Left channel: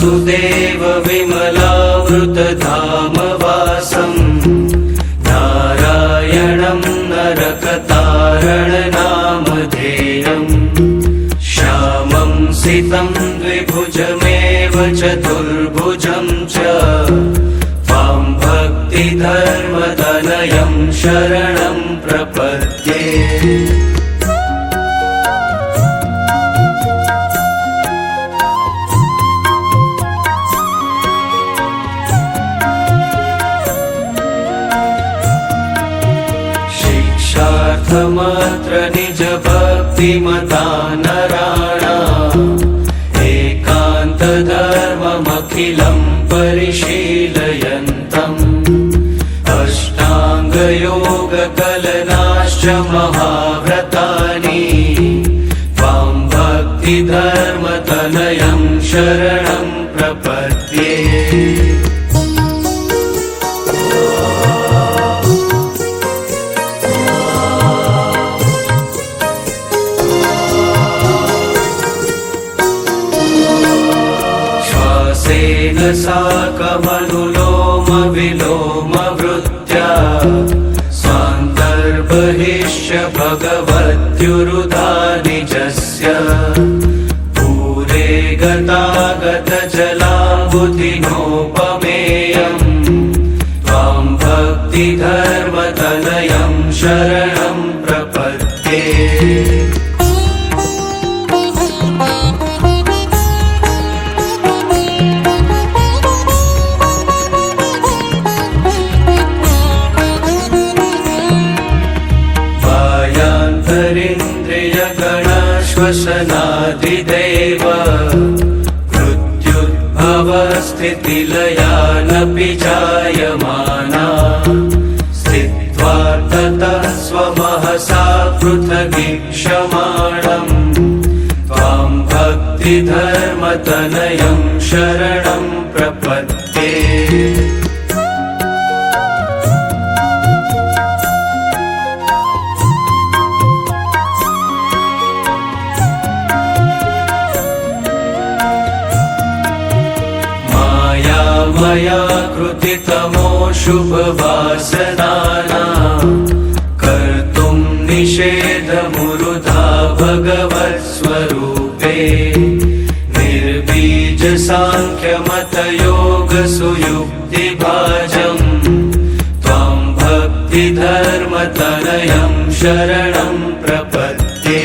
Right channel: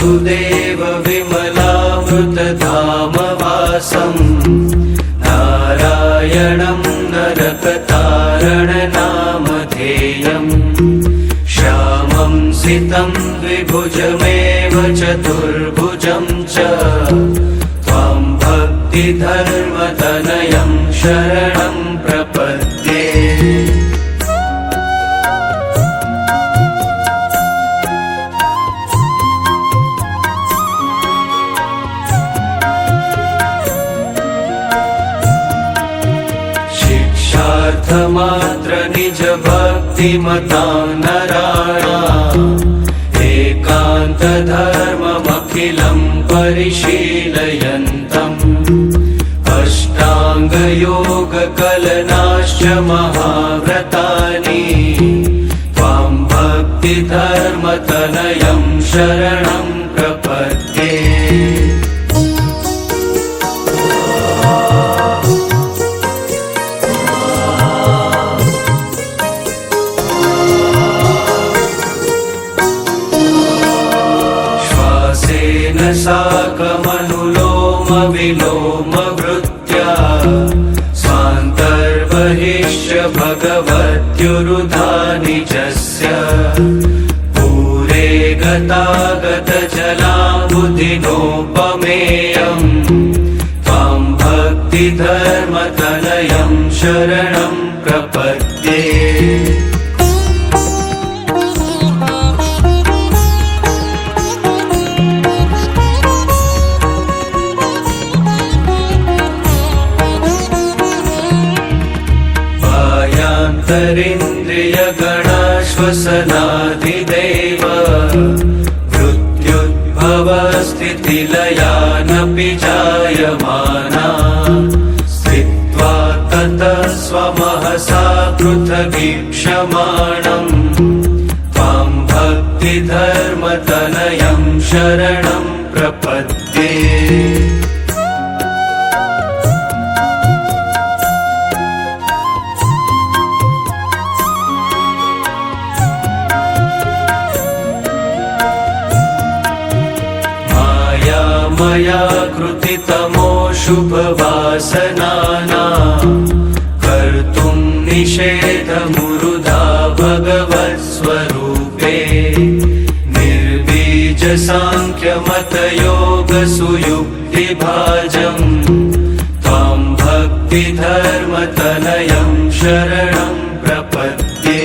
वासुदेव विमलामृतधामवासं नारायणं नरकतारणनामधेयं श्यामं सितं द्विभुजमेव चतुर्भुजं च त्वां भक्तिधर्मतनयं शरणं प्रपद्ये। शिक्षार्थमात्र निज भक्तिमता नराणाम् एकान्तधर्ममखिलं परिशीलयन्तम् अष्टाङ्गयोगकलनाश्च महाव्रतानि त्वां भक्तिधर्मतनयं शरणं प्रपद्ये। साकमनुलोमविलोमवृत्त्या स्वान्तर्बहिश्च भगवत्युरुधानि निजस्य पूरे गतागतजलाम्बुधिनोपमेयं त्वां भक्तिधर्मतनयं शरणं प्रपद्ये। इन्द्रियगणश्वसनाधिदेव मृत्युद्भवस्थितिलयानपि जायमाना स्थित्वा ततः स्वमहसा पृथगीक्षमाणं त्वां भक्तिधर्मतनयं शरणं प्रपद्ये। मया कृतितमोऽशुभवासनानां कर्तुं निषेधमुरुधा भगवत्स्वरूपे निर्बीजसाङ्ख्यमतयोगसुयुक्तिभाजं त्वां भक्तिधर्मतनयं शरणं प्रपद्ये।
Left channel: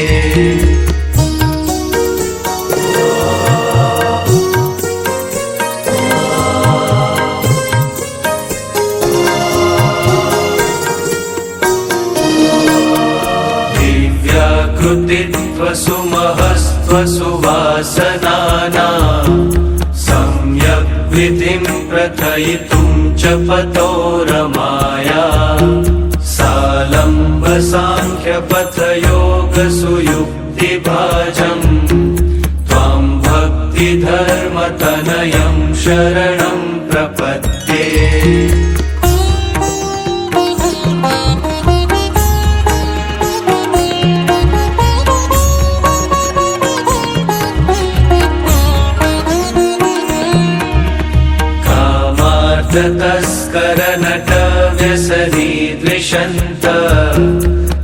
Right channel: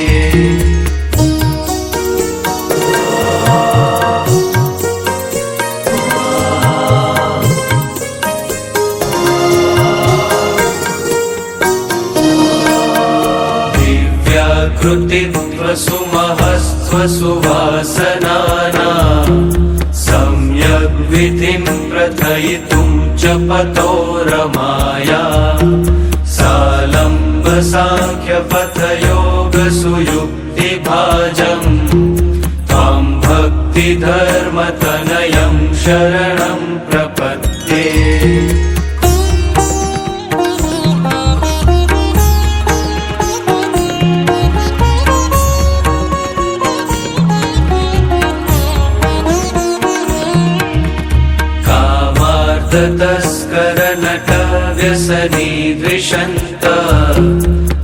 कृतित्वसुमहस्त्वसुवासनानां सम्यग् विधिं प्रथयितुं च पतो रमाया सालम्बसाङ्ख्यपथयोगसुयुक्तिभाजं त्वां भक्तिधर्मतनयं शरणं प्रपद्ये। तस्करनटव्यसनी द्विषन्त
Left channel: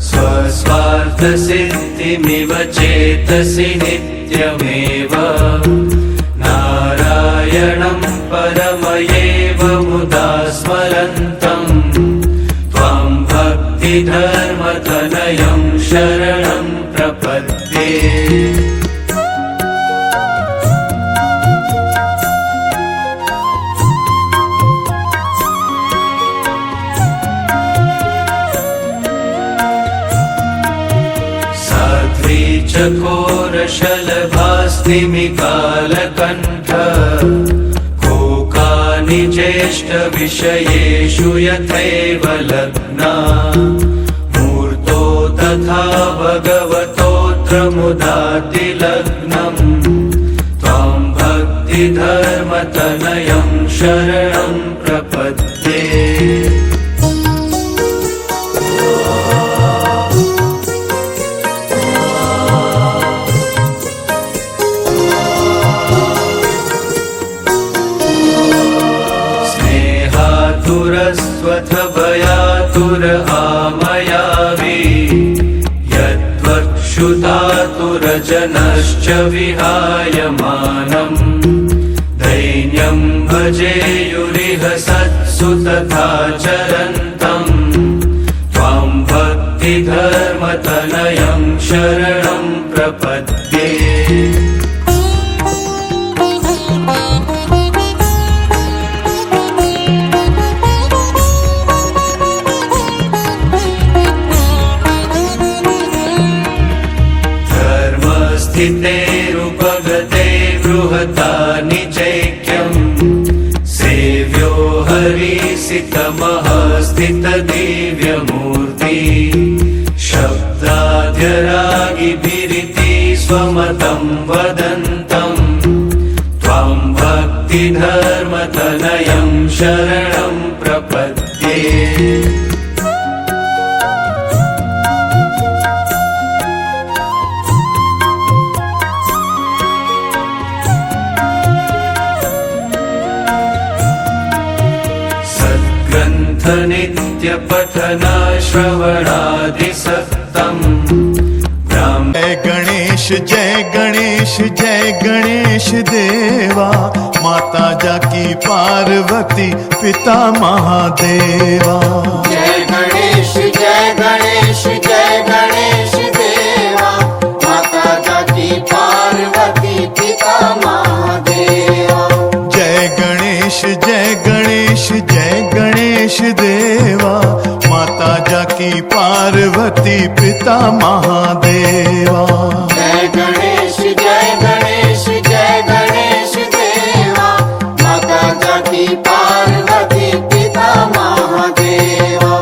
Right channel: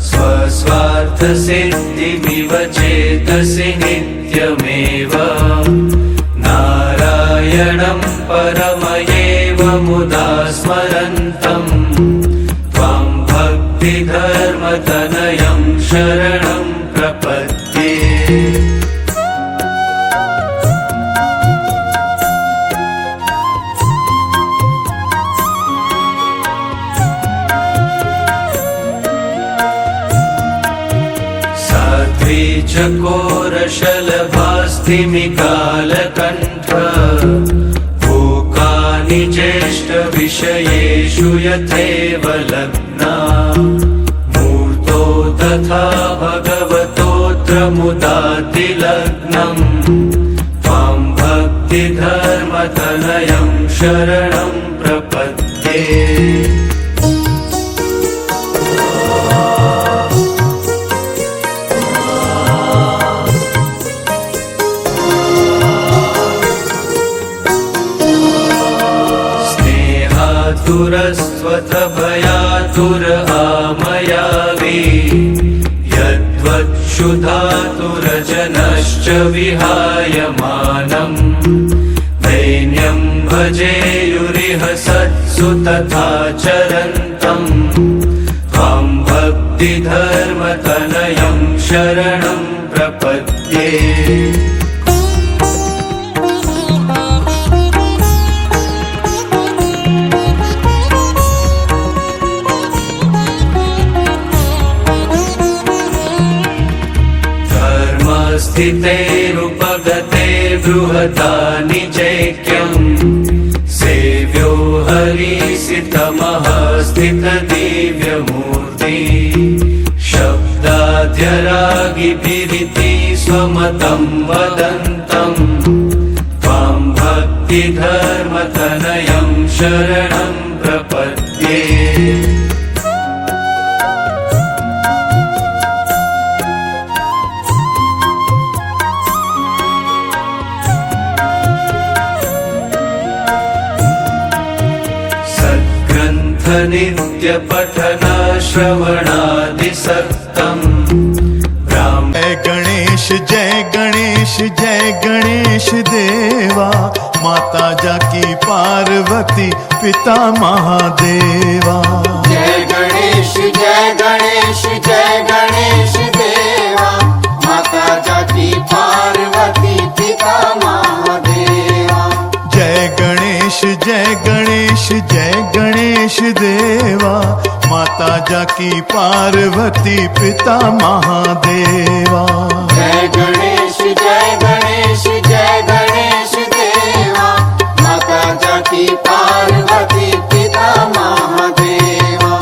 स्वस्वार्थसिद्धिमिव चेतसि नित्यमेव नारायणं परमयेव मुदा स्मरन्तं त्वां भक्तिधर्मतनयं शरणं प्रपद्ये। चकोरशलभास्तिमिकालकण्ठ कोकानि ज्येष्ठविषयेषु यथैव लग्ना मूर्तो तथा भगवतोऽत्र मुदातिलग्नं त्वां भक्तिधर्मतनयं शरणं प्रपद्ये। भयातुरस्त्वथ भयातुर आमयावि यद्वक्षुधातुरजनश्च विहायमानम् दैन्यं भजेयुरिह सत्सु तथा चरन्तम् त्वां भक्तिधर्मतनयं शरणं प्रपद्ये। स्थितेरुपगते बृहता निचैक्यम् सेव्यो हरिसितमः स्थितदिव्यमूर्ति शब्दाद्यरागिभिरिति स्वमतं वदन्तम् त्वां भक्तिधर्मतनयं शरणं प्रपद्ये। नित्यपठना श्रवणादिसक्तम् जय गणेश जय गणेश जय गणेश देवा माता जाकी पार्वती पिता महादेवा। जय गणेश जय गणेश जय गणेश देवा माता जाकी पार्वती पिता महादेवा। जय गणेश जय गणेश जय गणेश देवा माता जाकी पार्वती पिता महादेवा। जय गणेश जय गणेश जय गणेश देवा माता जाकी पार्वती पिता महादेवा।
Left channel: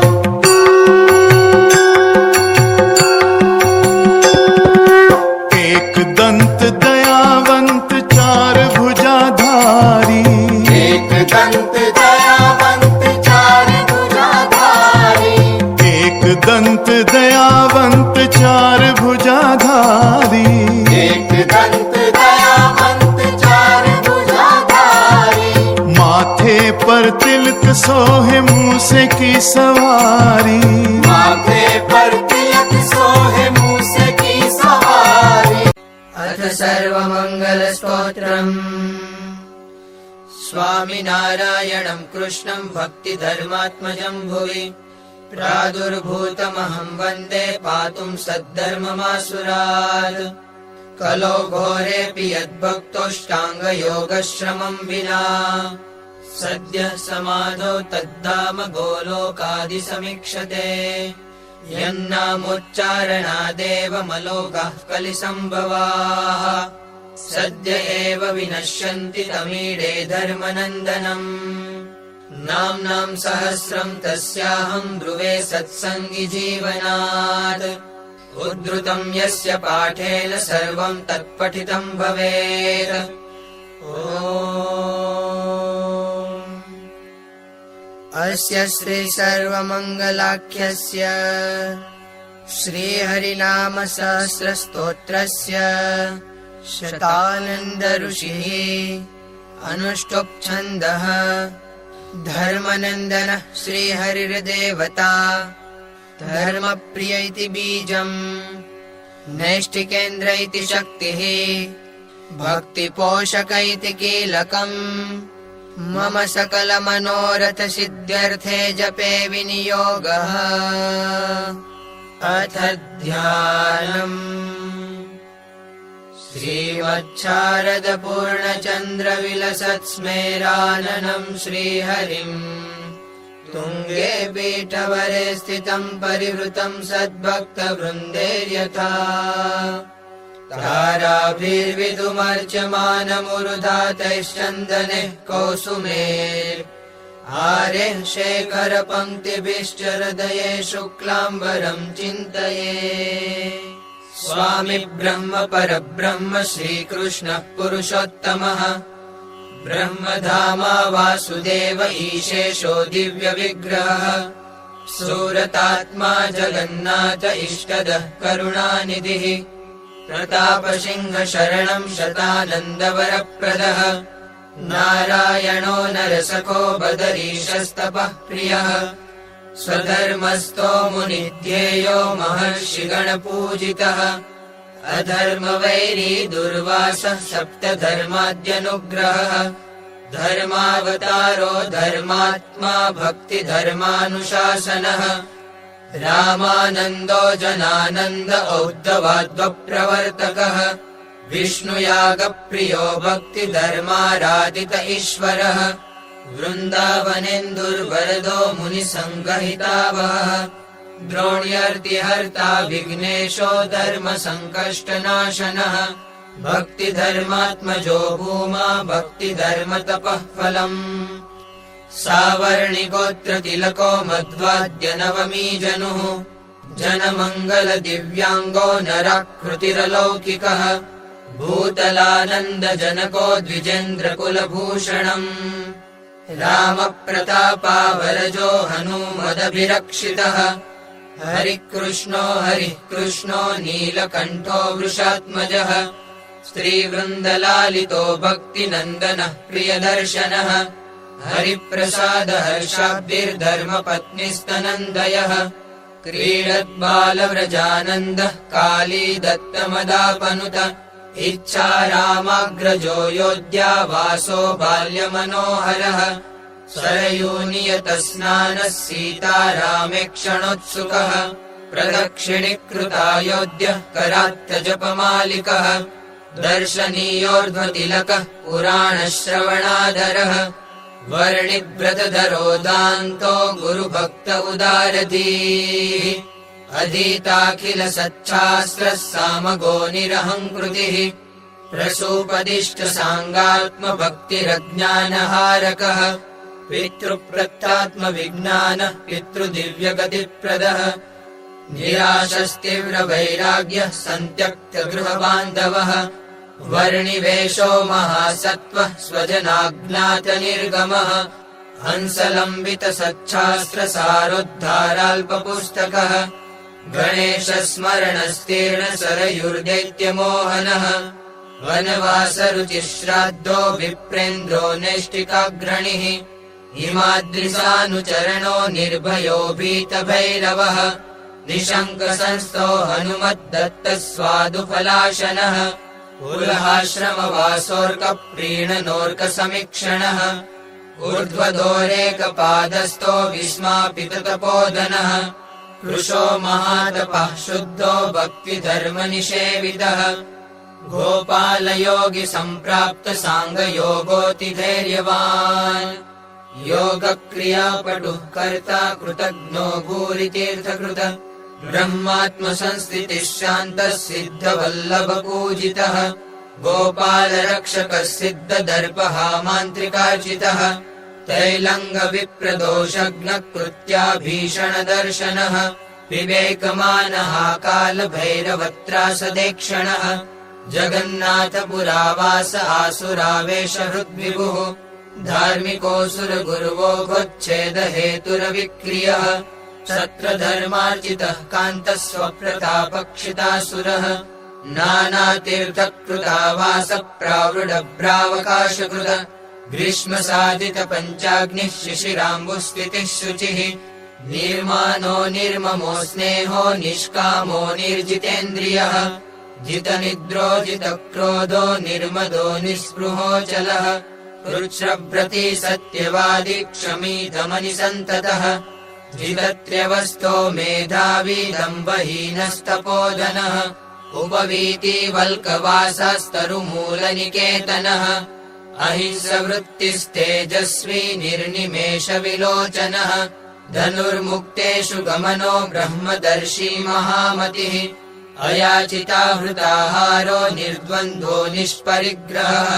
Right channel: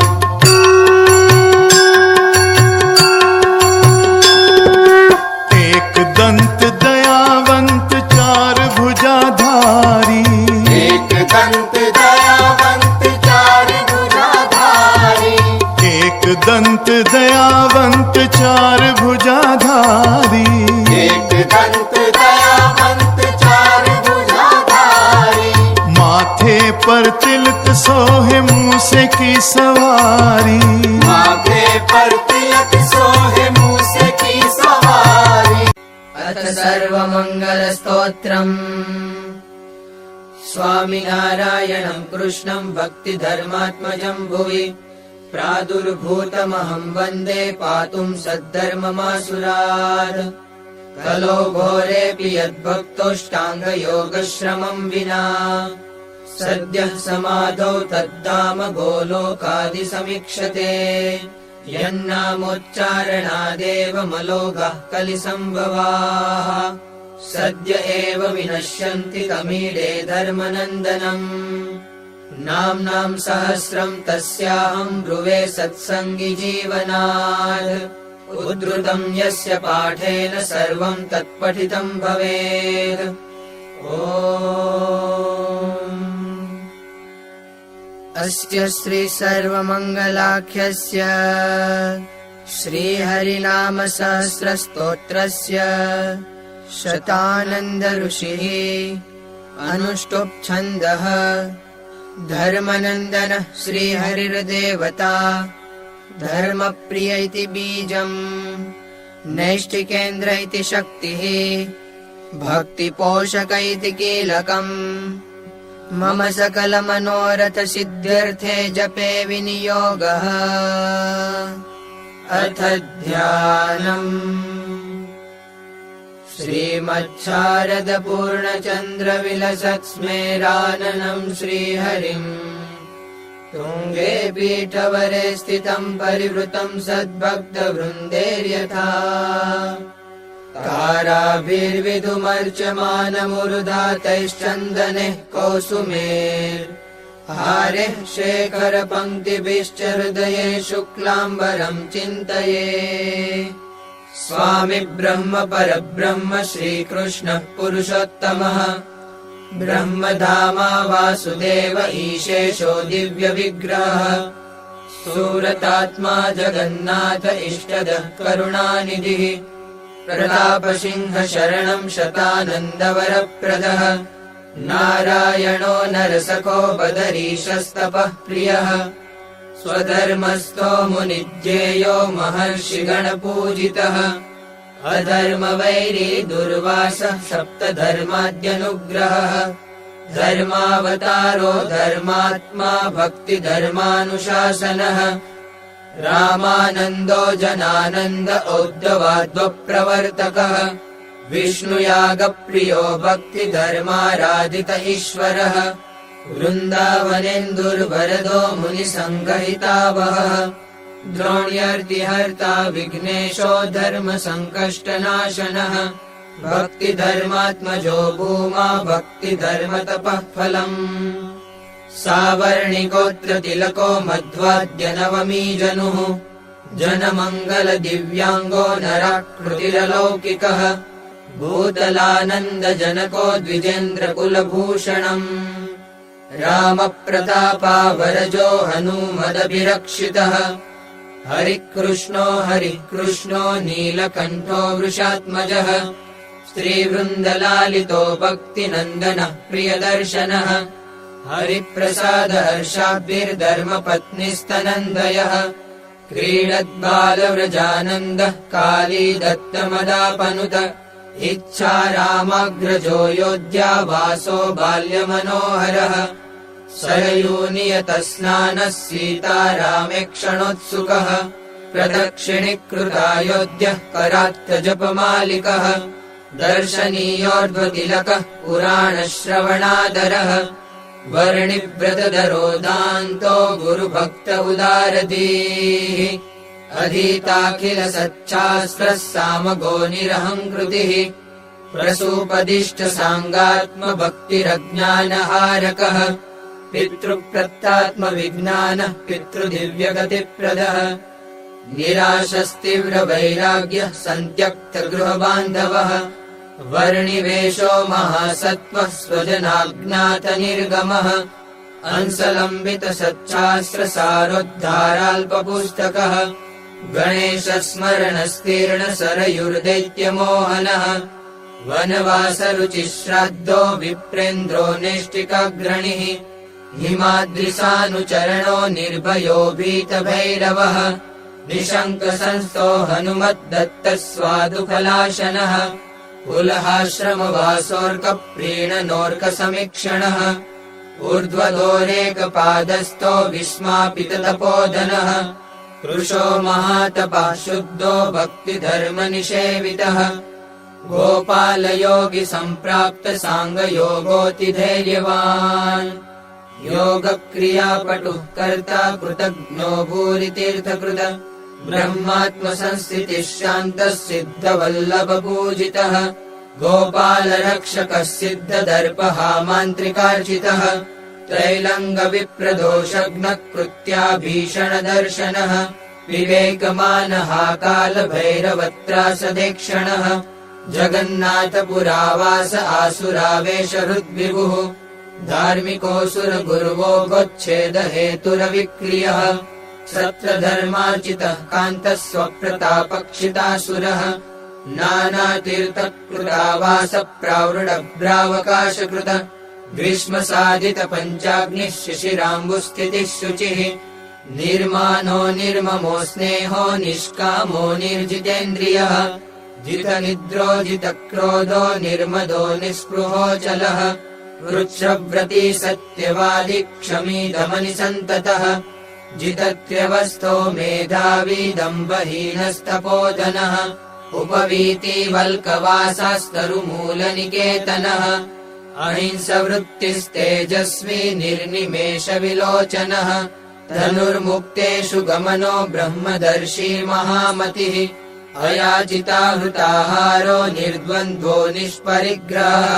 एक दंत दयावंत चार भुजाधारी एक दंत दयावंत चार भुजाधारी एक दंत दयावंत चार भुजाधारी एक दंत दयावंत चार भुजाधारी। माथे पर तिलक सोहे मूसे की सवारी माथे पर तिलक सोहे मूसे की सवारी। अथ सर्वमङ्गलस्तोत्रम् स्वामिनारायणं कृष्णं भक्तिधर्मात्मजं भुवि प्रादुर्भूतमहं वन्दे पातुं सद्धर्ममासुरात्। कलो घोरेऽपि यद्भक्तोऽष्टाङ्गयोगश्रमं विना सद्यः समाधौ तद्धाम गोलोकादिसमीक्षते। यन्नामोच्चारणादेव मलोगाः कलिसम्भवाः सद्य एव विनश्यन्ति तमीडे धर्मनन्दनम्। नाम्नां सहस्रं तस्याहं ब्रुवे सत्सङ्गी जीवनात्। उद्धृतं यस्य पाठेन सर्वं तत्पठितं भवेत्। अस्य श्री सर्वमङ्गलाख्यस्य श्रीहरिनाम सहस्रस्तोत्रस्य शतानन्द ऋषिः अनुष्टुप् छन्दः धर्मनन्दनः श्रीहरिर्देवता धर्मप्रिय इति बीजम् नैष्टिकेन्द्र इति शक्तिः भक्तिपोषक इति कीलकम्। मम सकलमनोरथ सिद्ध्यर्थे जपे विनियोगः। अथ ध्यानम् श्रीमच्छारद पूर्णचन्द्र विलसत्स्मेराननं श्रीहरिम् तुङ्गे पीठवरे स्थितं परिवृतं सद्भक्तवृन्दैर्यथा ताराभिर्विधुमर्च्यमानमुरुधातैश्चन्दनैः कौसुमेर् आरेः शेखरपङ्क्तिभिश्च हृदये शुक्लाम्बरं चिन्तये। स्वामी ब्रह्म परब्रह्म श्रीकृष्णः पुरुषोत्तमः ब्रह्मधामा वासुदेव ईशेषो दिव्यविग्रहः सूरतात्मा जगन्नाथ इष्टदः करुणानिधिः प्रतापसिंह शरणं शतानन्दवरप्रदः नारायणो नरसखो बदरीशस्तपः प्रियः स्वधर्मस्थो मुनिध्येयो महर्षिगणपूजितः अधर्मवैरी दुर्वासः सप्तधर्माद्यनुग्रहः धर्मावतारो धर्मात्मा भक्तिधर्मानुशासनः रामानन्दो जनानन्द औद्धवाद्वप्रवर्तकः विष्णुयागप्रियो भक्तिधर्माराधित ईश्वरः वृन्दावनेन्दुर्वरदो मुनिसङ्गहितावहः द्रोण्यर्दिहर्ता विघ्नेशो धर्मसङ्कष्टनाशनः भक्तिधर्मात्मजो भूमा भक्तिधर्मतपः फलम् सावर्णिगोत्रतिलको मध्वाद्यनवमी जनुः जनमङ्गलदिव्याङ्गो नराकृतिरलौकिकः भूतलानन्दजनको द्विजेन्द्रकुलभूषणम् रामप्रतापावरजो हनूमदभिरक्षितः हरिकृष्णो हरिः कृष्णो नीलकण्ठो वृषात्मजः स्त्रीवृन्दलालितो भक्तिनन्दनः प्रियदर्शनः हरिप्रसाद हर्षाब्धिर्धर्मपत्नीस्तनन्दयः क्रीडद्बालव्रजानन्दः काली दत्तमदापनुत इच्छा रामाग्रजो योध्या वासो बाल्यमनोहरः सरयूनियतस्नानः सीतारामेक्षणोत्सुकः प्रदक्षिणीकृतायोध्यः करात्यजपमालिकः दर्शनीयोर्ध्वतिलकः पुराणश्रवणादरः वर्णिव्रतधरो दान्तो गुरुभक्त उदारधीः अधीताखिल सच्छास्त्रः सामगो निरहङ्कृतिः प्रसूपदिष्ट साङ्गात्मभक्तिरज्ञानहारकः पितृप्रत्यात्मविज्ञानः पितृदिव्यगतिप्रदः निराशस्तीव्रवैराग्यः सन्त्यक्तगृहबान्धवः वर्णिवेशो महासत्त्वः स्वजनाज्ञातनिर्गमः हंसलम्बितसच्छास्त्रसारोद्धाराल्पपुस्तकः गणेशस्मरणस्तीर्णसरयुर्दैत्यमोहनः वनवासरुचिश्राद्धो विप्रेन्द्रो नैष्टिकाग्रणिः हिमाद्रिसानुचरणो निर्भयो भीतभैरवः निशङ्कसंस्थो हनुमद्दत्तस्वादुफलाशनः उल्हाश्रमवासोऽर्कप्रीणनोऽर्कसमीक्षणः ऊर्ध्वदोरेकपादस्थो विस्मापिततपोधनः कृशो महातपः शुद्धो भक्तिधर्मनिषेवितः गोपालयोगिसम्प्राप्तसाङ्गयोगोऽतिधैर्यवान् योगक्रियापटुः कर्ता कृतज्ञो भूरितीर्थकृत ब्रह्मात्मसंस्थितिः शान्तः सिद्धवल्लभपूजितः गोपालरक्षकः सिद्धदर्पः मान्त्रिकार्जितः त्रैलङ्गविप्रदोषघ्नः कृत्याभीषणदर्शनः विवेकमानः कालभैरवत्रासदेक्षणः जगन्नाथपुरावास आसुरावेशहृद्विभुः धार्मिकोऽसुरगुरुवोऽच्छेदहेतुरविक्रियः सत्रधर्मार्जितः कान्तः स्वप्रतापक्षितासुरः नानातीर्थकृतावासप्रावृढभ्रावकाशकृत ग्रीष्मसाधितपञ्चाग्निः शिशिराम्बुस्थितिः शुचिः निर्मानो निर्ममो स्नेहो निष्कामो निर्जितेन्द्रियः जितनिद्रो जितक्रोधो निर्मदो निःस्पृहोऽचलः वृक्षव्रती सत्यवादी क्षमी दमनिसन्ततः जितत्र्यवस्थो मेधावी दम्भहीनस्तपोधनः उपवीतिवल्कवासास्तरुमूलनिकेतनः अहिंसवृत्तिस्तेजस्वी निर्निमेषविलोचनः धनुर्मुक्तेषु गमनो ब्रह्मदर्शी महामतिः अयाचिताहृताहारो निर्द्वन्द्वो निष्परिग्रहः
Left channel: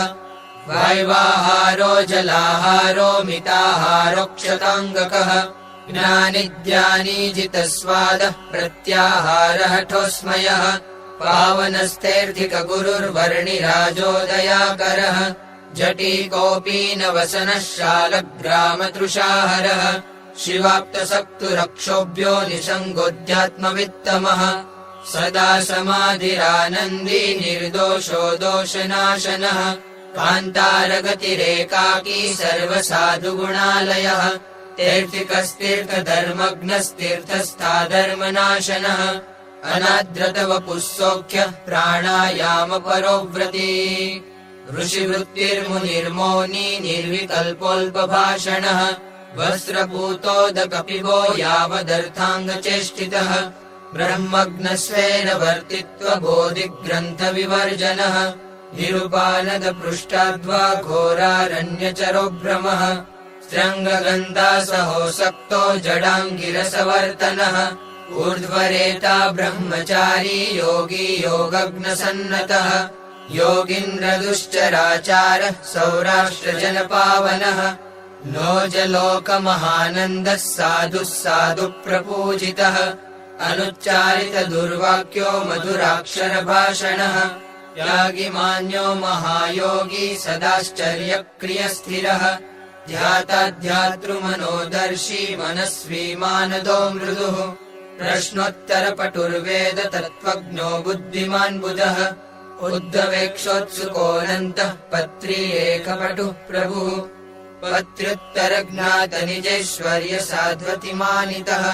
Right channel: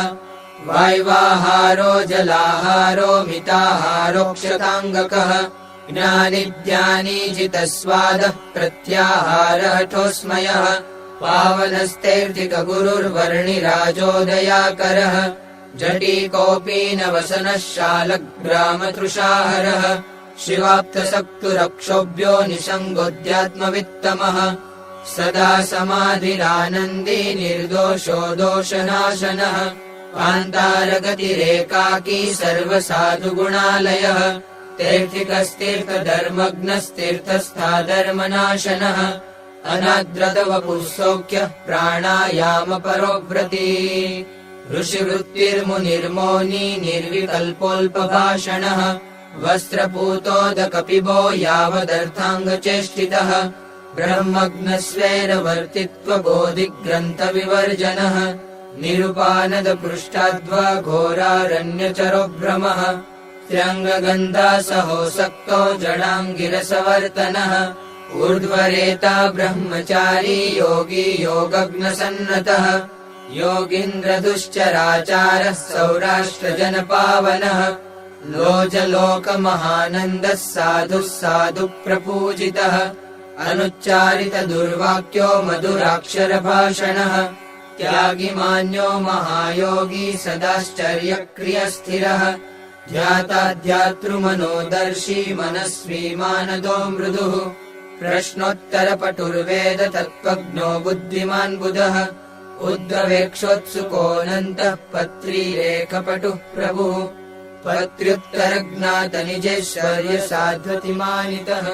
वाय्वाहारो जलाहारो मिताहारोक्षताङ्गकः ज्ञानिज्ञानीजितस्वादः प्रत्याहारहठोस्मयः पावनस्तेऽर्थिकगुरुर्वर्णिराजोदयाकरः जटीकोऽपीनवसनः शालग्रामतृषाहरः शिवाप्तसक्तुरक्षोभ्यो निसङ्गोऽध्यात्मवित्तमः सदा समाधिरानन्दी निर्दोषो दोषनाशनः कान्तारगतिरेकाकी सर्वसाधुगुणालयः तीर्थिकस्तीर्थधर्मज्ञस्तीर्थस्थाधर्मनाशनः अनाद्रतवपुः सौख्यः प्राणायामपरोव्रती ऋषिवृत्तिर्मुनिर्मौनी निर्विकल्पोऽल्पभाषणः वस्त्रपूतोदकपिबो यावदर्थाङ्गचेष्टितः ब्रह्मज्ञस्वेरवर्तित्वबोधिग्रन्थविवर्जनः निरुपानदपृष्ठाद्वा घोरारण्यचरो भ्रमः स्त्र्यङ्गगन्धासहोऽसक्तो जडाङ्गिरसवर्तनः ऊर्ध्वरेता ब्रह्मचारी योगी योगज्ञसन्नतः योगीन्द्रदुश्चराचारः सौराष्ट्रजनपावनः लोजलोकमहानन्दः साधुः साधुप्रपूजितः अनुच्चारितदुर्वाक्यो मधुराक्षरभाषणः त्यागिमान्यो महायोगी सदाश्चर्यक्रियस्थिरः ध्याताध्यातृमनोदर्शी मनस्वी मानदो मृदुः प्रश्नोत्तरपटुर्वेद तत्त्वज्ञो बुद्धिमान् बुधः उद्धवेक्षोत्सुकोऽनन्तः पत्री एकपटुः प्रभुः पत्र्युत्तरज्ञातनिजैश्वर्यसाध्वतिमानितः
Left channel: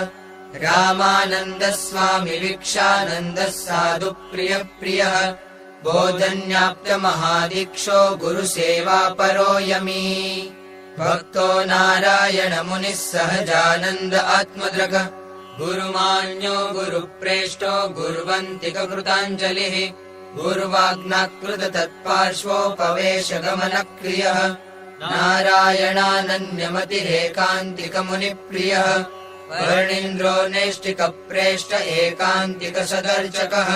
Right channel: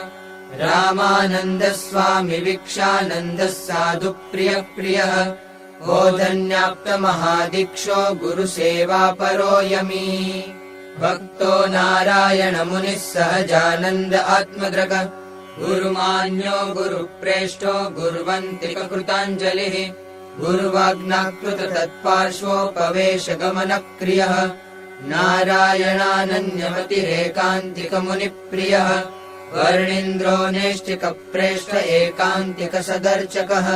रामानन्दस्वामि वीक्षानन्दः साधुप्रियप्रियः गोधन्याप्तमहादीक्षो गुरुसेवापरो यमी भक्तो नारायणमुनिः सहजानन्द आत्मद्रग गुरुमान्यो गुरुप्रेष्ठो गुर्वन्तिककृताञ्जलिः गुरुवाग्नाकृत तत्पार्श्वोपवेशगमनक्रियः नारायणानन्यमतिरेकान्तिकमुनिप्रियः वर्णीन्द्रो नेष्टिकप्रेष्ठ एकान्तिकसदर्चकः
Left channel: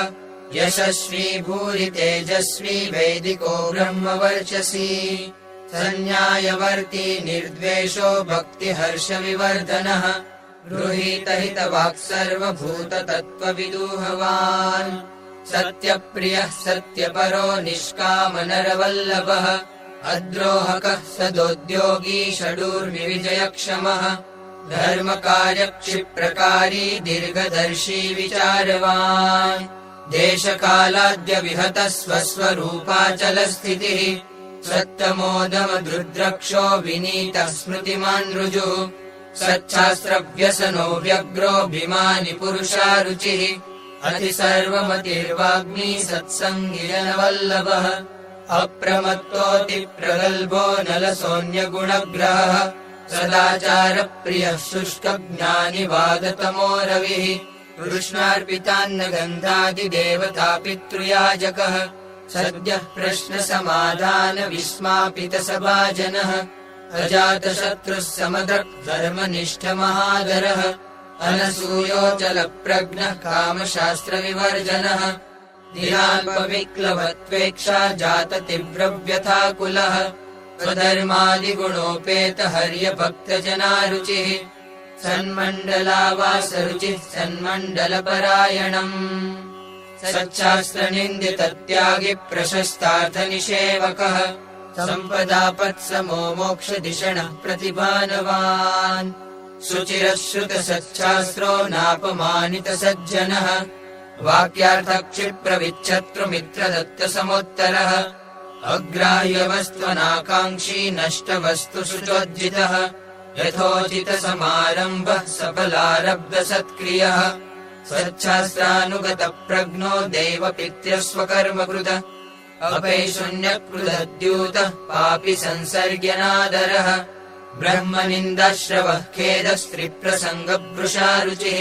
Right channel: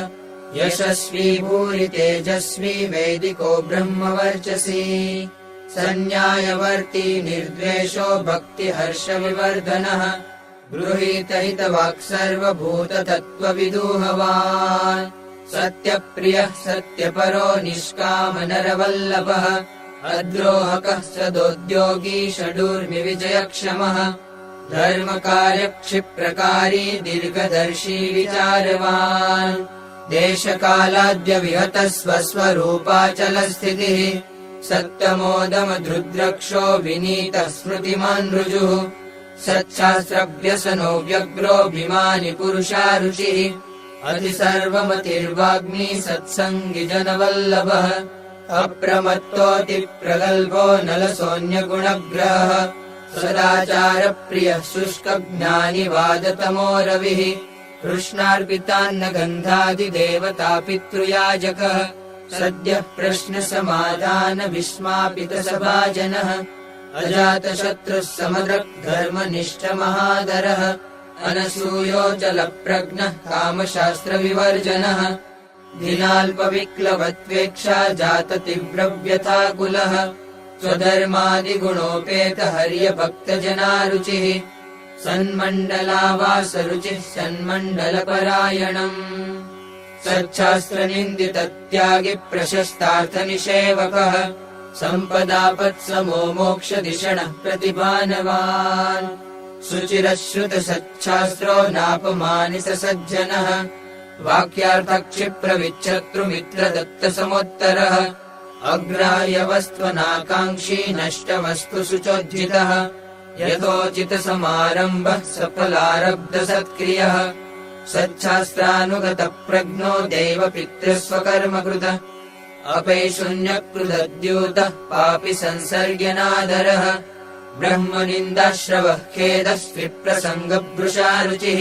यशस्वी भूरि तेजस्वी वैदिको ब्रह्मवर्चसी सन्न्यायवर्ती निर्द्वेषो भक्तिहर्षविवर्धनः गृहीतहितवाक् सर्वभूततत्त्वविदूहवान् सत्यप्रियः सत्यपरो निष्कामनरवल्लभः अद्रोहकः सदोद्योगी षडूर्विविजयक्षमः धर्मकार्यक्षिप्रकारी दीर्घदर्शी विचारवान् देशकालाद्यविहतः स्वस्वरूपाचलस्थितिः सत्तमोदमधुद्रक्षो विनीतः स्मृतिमान् ऋजुः सच्छास्त्रव्यसनो व्यग्रोऽभिमानि पुरुषारुचिः अतिसर्वमतिर्वाग्मी सत्सङ्गी जनवल्लभः अप्रमत्तोऽतिप्रगल्भो नलसोऽन्यगुणग्रहः सदाचारप्रियः शुष्कज्ञानि वादतमो रविः कृष्णार्पितान्नगन्धादिदेवतापितृयाजकः सद्यः प्रश्नसमाधानविस्मापितसभाजनः अजातशत्रुः समदृक्धर्मनिष्ठमहादरः अनसूयोऽचलप्रज्ञः कामशास्त्रविवर्जनः दिनाल्पविक्लवत्वेक्षा जाततीव्रव्यथाकुलः स्वधर्मादिगुणोपेतहर्यभक्तजनारुचिः सन्मण्डलावासरुचिः सन्मण्डलपरायणम् सच्छास्त्रनिन्दितत्यागि प्रशस्तार्थनिषेवकः सम्पदापत्समो मोक्षधिषणः प्रतिभानवान् शुचिरश्रुतसच्छास्त्रो नापमानितसज्जनः वाक्यार्थक्षिप्रविच्छत्रुमित्रदत्तसमोत्तरः अग्राह्यवस्त्वनाकाङ्क्षी नष्टवस्तुषुचोज्झितः यथोचितसमारम्भः सफलारब्धसत्क्रियः सच्छास्त्रानुगतप्रज्ञो देवपितृस्वकर्मकृतः अपैशून्यकृतद्यूतः पापि संसर्ग्यनादरः ब्रह्मनिन्दाश्रवः खेदस्त्रिप्रसङ्गभृशारुचिः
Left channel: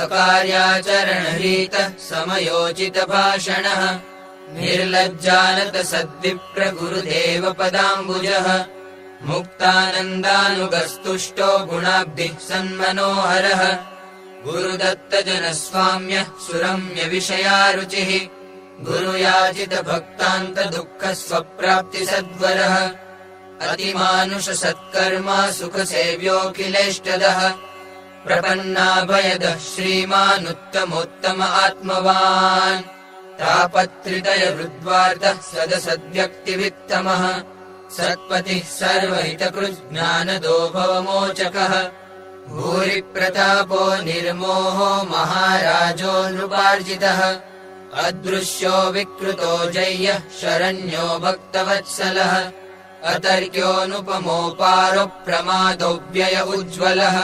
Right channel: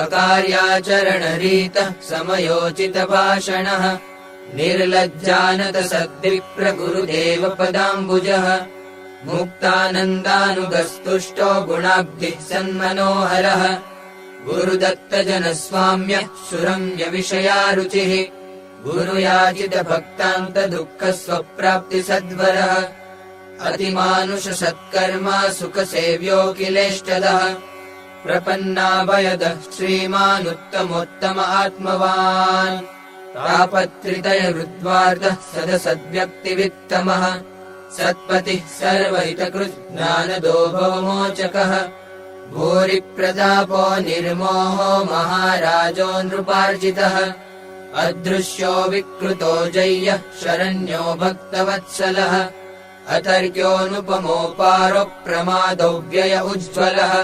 अकार्याचरणरीतः समयोचितभाषणः निर्लज्जानतसद्विप्रगुरुदेवपदाम्बुजः मुक्तानन्दानुगस्तुष्टो गुणाब्धिः सन्मनोहरः गुरुदत्तजनस्वाम्यः सुरम्यविषयारुचिः गुरुयाचितभक्तान्तदुःखस्वप्राप्तिसद्वरः अतिमानुषसत्कर्मा सुखसेव्योऽखिलेष्टदः प्रपन्नाभयदः श्रीमानुत्तमोत्तम आत्मवान् आपत्रितयरुद्वार्तः सदसद्व्यक्तिवित्तमः सत्पतिः सर्वहितकृज्ञानदो भवमोचकः भूरिप्रतापो निर्मोहो महाराजो नृपार्जितः अदृश्यो विकृतो जय्यः शरण्यो भक्तवत्सलः अतर्क्योऽनुपमोपारो प्रमादो व्यय उज्ज्वलः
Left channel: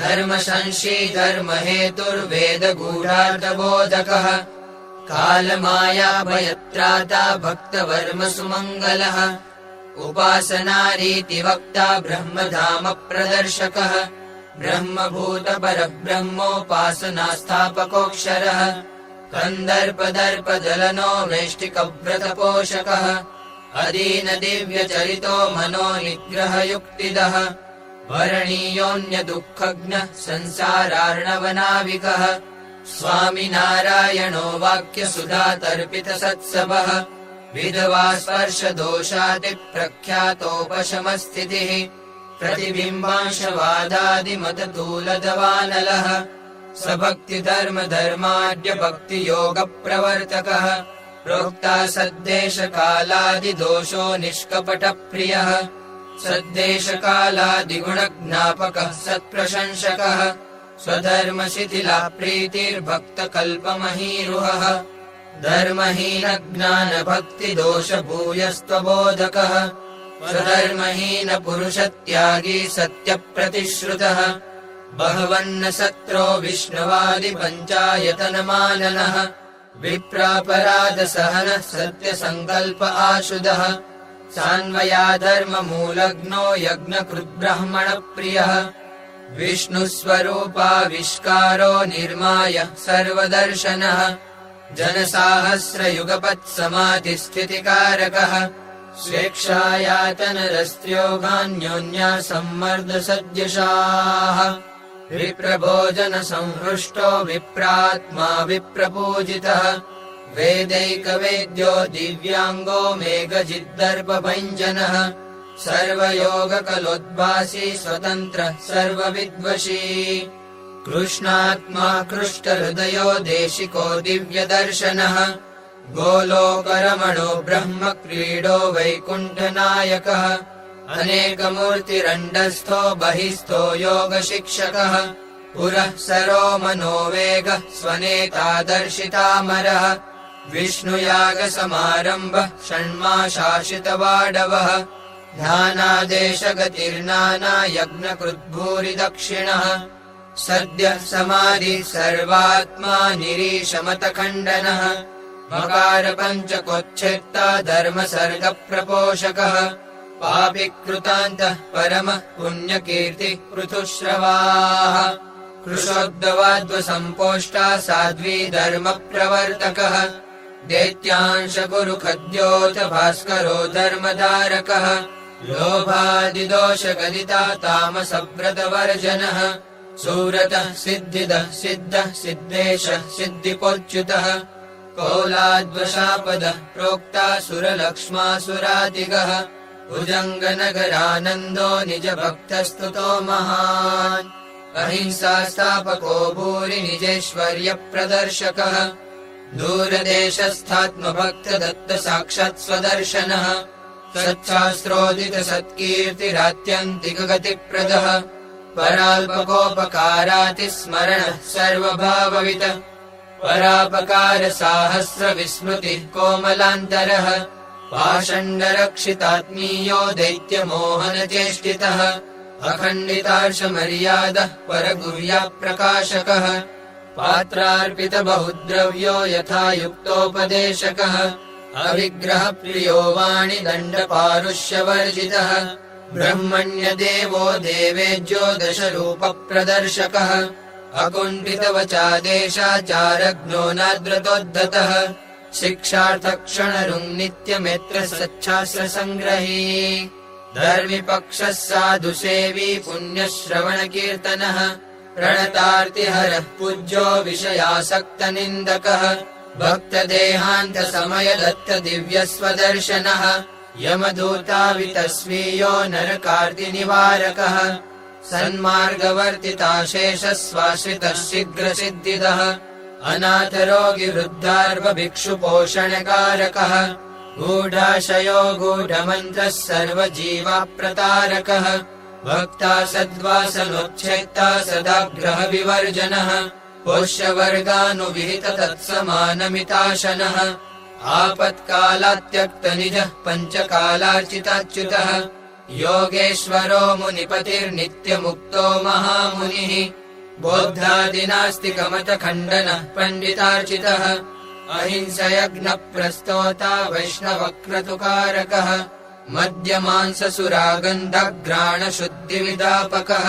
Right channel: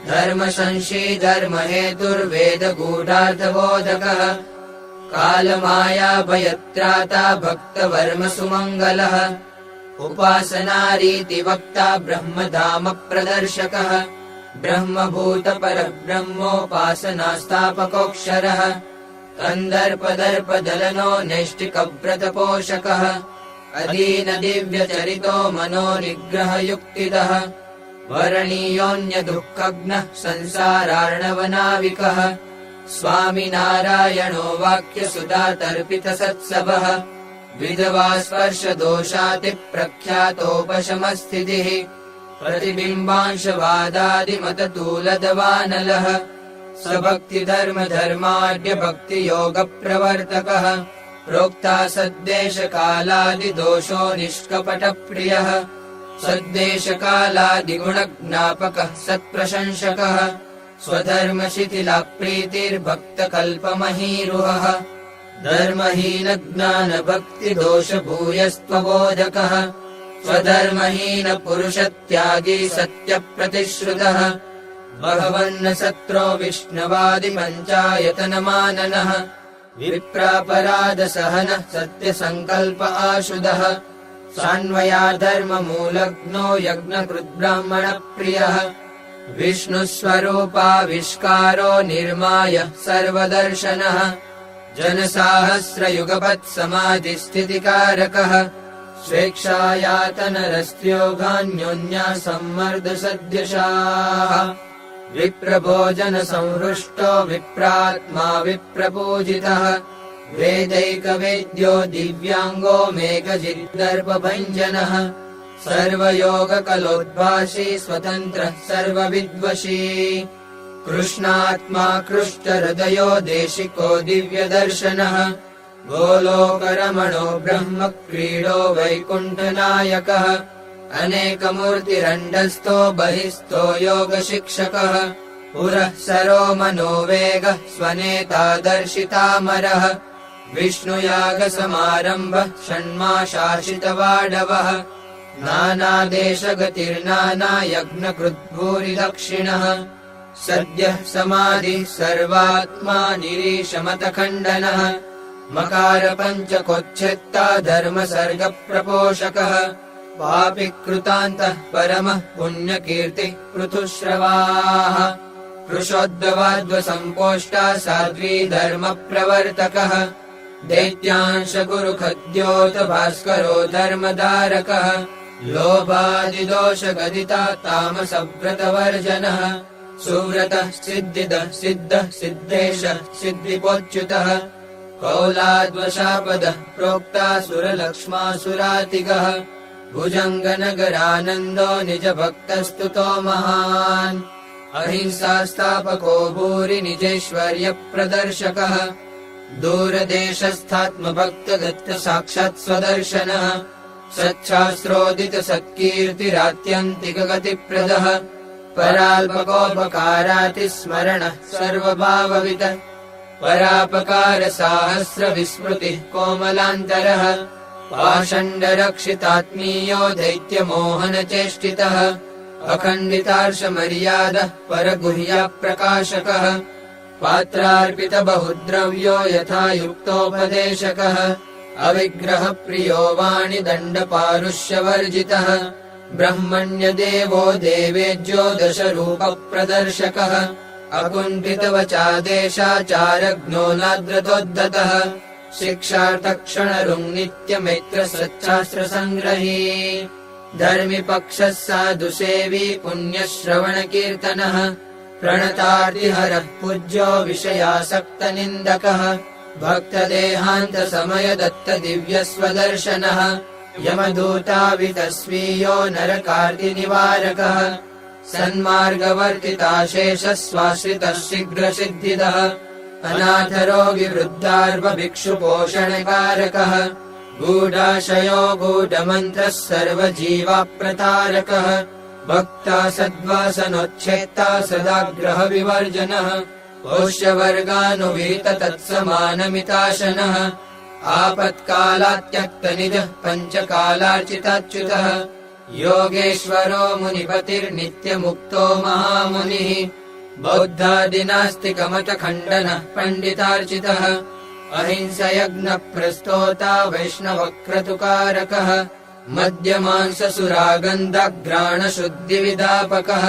धर्मसंशी धर्महेतुर्वेदगूढार्थबोधकः कालमायाभयत्राता भक्तवर्म सुमङ्गलः उपासनारीतिवक्ता ब्रह्मधाम प्रदर्शकः ब्रह्मभूतपरब्रह्मोपासनास्थापकोऽक्षरः कन्दर्पदर्पदलनो नैष्टिकव्रतपोषकः अदीनदिव्यचरितो मनोनिग्रहयुक्तिदः वरणीयोऽन्यदुःखघ्नः संसारार्णवनाविकः स्वामिनारायणो वाक्यसुधातर्पितसत्सवः विधवा स्पर्शदोषातिप्रख्यातोपशमस्थितिः प्रतिबिम्बांशवादादिमततूलदवानलः स भक्तिधर्मधर्माढ्यभक्तियोगप्रवर्तकः प्रोक्ता सद्देशकालादिदोषो निष्कपटप्रियः सद्देशकालादिगुणज्ञापकः सत्प्रशंसकः स्वधर्मशिथिला प्रीतिर्भक्तकल्पमहीरुहः धर्महीनज्ञानभक्तिदोषभूयस्त्वबोधकः स्वधर्महीनपुरुषत्यागी सत्यप्रतिश्रुतः भगवन्न सत्रो विष्णुवादिपञ्चायतनमाननः विप्रापराधसहनः सत्यसङ्कल्प आशुदः सान्वयाधर्ममूलग्नो यज्ञकृद्ब्राह्मणप्रियः विष्णुस्वरूपाविष्कारो निर्माय सर्वदर्शनः जनसाहस्रयुगपत्समाधिस्थितिकारकः स्वेच्छायातनरस्त्योगान्योन्यासम्मर्दसद्यशाः विप्रभोजनसंहृष्टो विप्रात्मा विप्रपूजितः वेदैकवेद्यो दिव्याङ्गो मेघजिद्दर्पभञ्जनः सर्वयोगकलोद्भासी स्वतन्त्रः सर्वविद्वशी कृष्णात्मा कृष्टहृदयो देशिको दिव्यदर्शनः गोलोकरमणो ब्रह्मक्रीडो वैकुण्ठनायकः अनेकमूर्तिरण्डस्थो बहिस्थो योगशिक्षकः पुरः सरो मनोवेगः स्वनेतादर्शितामरः विष्णुयागसमारम्भः षण्माशासितवाडवः नानादेशगतिर्नानायज्ञकृद्भूरिदक्षिणः सद्यः समाधि सर्वात्मा निरीशमतखण्डनः मकारपञ्चकोच्छेत्ता धर्मसर्गप्रपोषकः पापिकृतान्तः परमः पुण्यकीर्तिः पृथुश्रवाः कृशोद्भवाद्वसम्पोष्टा साध्वी धर्मप्रवर्तकः दैत्यांशकुरुखद्योत भास्करो धर्मधारकः लोभादिदोषगदिता तामसव्रतवर्जनः सुव्रतः सिद्धितः सिद्धः सिद्धेशः सिद्धिपोच्युतः कौलाद्वशापदः प्रोक्ता सुरलक्ष्मासुराधिगः भुजङ्गनगरानन्दो निजभक्तस्तुतो महान् अहिंसास्थापको भूरि निजेश्वर्यप्रदर्शकः दूरदेशस्थात्मभक्तदत्त साक्षात् सच्छास्त्रोदितसत्कीर्तिरात्यन्तिकगतिप्रदः पराल्पकोपकारातिस्मरणः सर्वभाववितः परापकारसाहस्रविस्मृतिः कोमलान्तरः पाषण्डरक्षितात्मीयो दैत्यमोहनचेष्टितः अखण्डितार्षमर्यादः परगुह्यप्रकाशकः पात्रार्पितबहुद्रव्यो यथा युक्तोपदेशकः अविग्रहप्रियो वाणिदण्डपारुष्यवर्जितः ब्रह्मण्यदेवो देवेज्यो दशरूपप्रदर्शकः अकुण्ठितवचादेशाचारज्ञो नाद्रतोद्धतः शिक्षार्थक्षणरुङ्नित्यमेत्रसच्छास्त्रसङ्ग्रही धर्मिपक्षः साधुसेवी पुण्यश्रवणकीर्तनः प्रणतार्तिहरः पूज्यो विषयासक्तनिन्दकः भक्तदेहान्तसमयदत्तदिव्यस्वदर्शनः यमदूतावितस्वीयो नरकार्तिनिवारकः सन्मार्गवर्तिताशेषस्वाश्रितः शीघ्रसिद्धिदः अनाथरोगिवृद्धार्भभिक्षुपोषणकारकः गूढाशयो गूढमन्त्रः सर्वजीवाप्रतारकः भक्ता सद्वासनोच्छेत्ता सदाग्रहविवर्जनः पोष्यवर्गानुविहित तत्समानमिताशनः आपत्कालात्यक्तनिजः पञ्चकालार्चिताच्युतः योगेश्वरो मुनिपतिर्नित्यमुक्तो महामुनिः बौद्धादिनास्तिकमतखण्डनः पण्डितार्चितः अहिंसयज्ञप्रस्तोता वैष्णवक्रतुकारकः मद्यमांससुरागन्धघ्राणशुद्धिविदापकः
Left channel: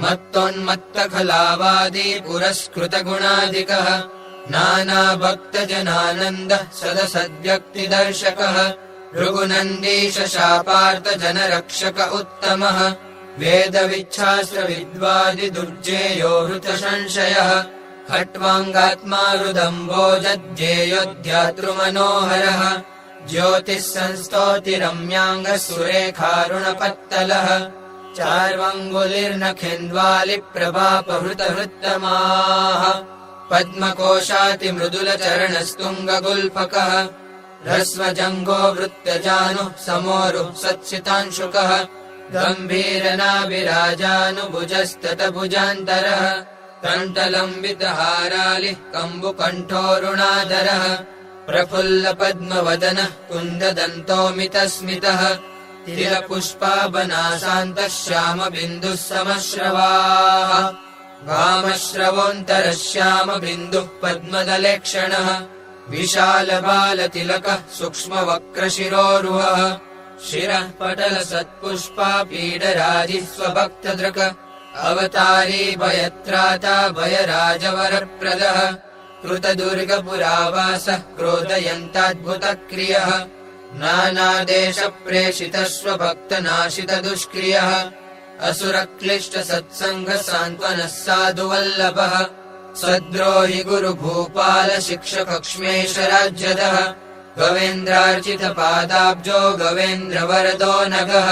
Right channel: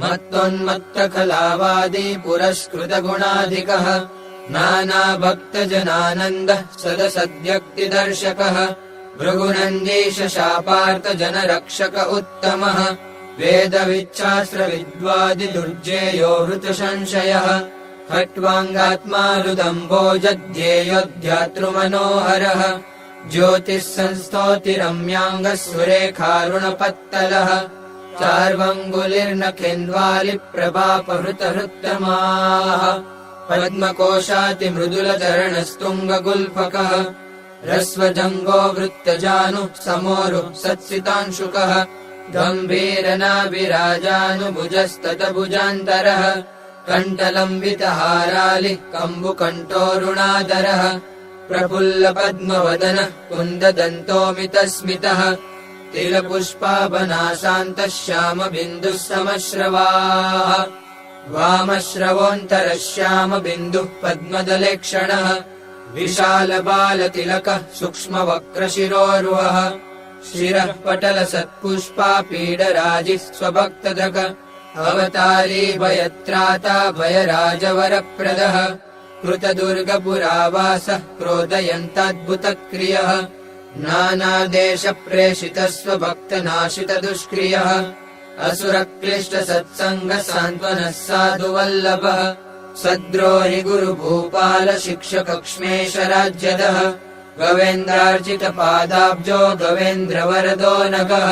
मत्तोन्मत्तखलावादी पुरस्कृतगुणाधिकः नानाभक्तजनानन्दः सदसद्व्यक्तिदर्शकः भृगुनन्दीशशापार्तजनरक्षक उत्तमः वेदविच्छास्त्रविद्वादिदुर्जेयो हृतसंशयः खट्वाङ्गात्मा हृदम्बोजध्येयोऽध्यातृमनोहरः ज्योतिः संस्तोतिरम्याङ्गः सुरेखारुणपत्तलः चार्वङ्गुलिर्नखेन्द्वालिप्रभापहृतहृत्तमाः पद्मकोशातिमृदुलचरणस्तुङ्गगुल्फकः ह्रस्वजङ्गो वृत्तजानुः समोरुः सत्सितांशुकः गम्भीरनाभिराजानुभुजस्ततभुजान्तरः कण्ठलम्बितहारालिः कम्बुकण्ठोरुणाधरः प्रफुल्लपद्मवदनः कुन्ददन्तोमितस्मितः तिलपुष्पाभनासान्तः श्यामबिन्दुः समश्रवाः वामश्रवोऽन्तरः श्यामबिन्दुः पद्मदलेक्षणः विशालबालतिलकः सूक्ष्मवक्रशिरोरुहः शिरः पटलसत्पुष्पापीडराजिः स्वभक्तधृक अवतारी भयत्राता भयराजवरप्रदः कृतदुर्गपुरावासः क्रोधयन्ताद्भुतक्रियः नानादेशप्रेषितः स्वभक्तनाशितदुष्क्रियः असुरक्लिष्टसत्सङ्गसान्त्वनः साधुवल्लभः सद्रोहि गुरुभूपाल शिक्षकक्ष्मेशराज्यदः गवेन्द्रार्चितपादाब्जो गवेन्द्रवरदो नगः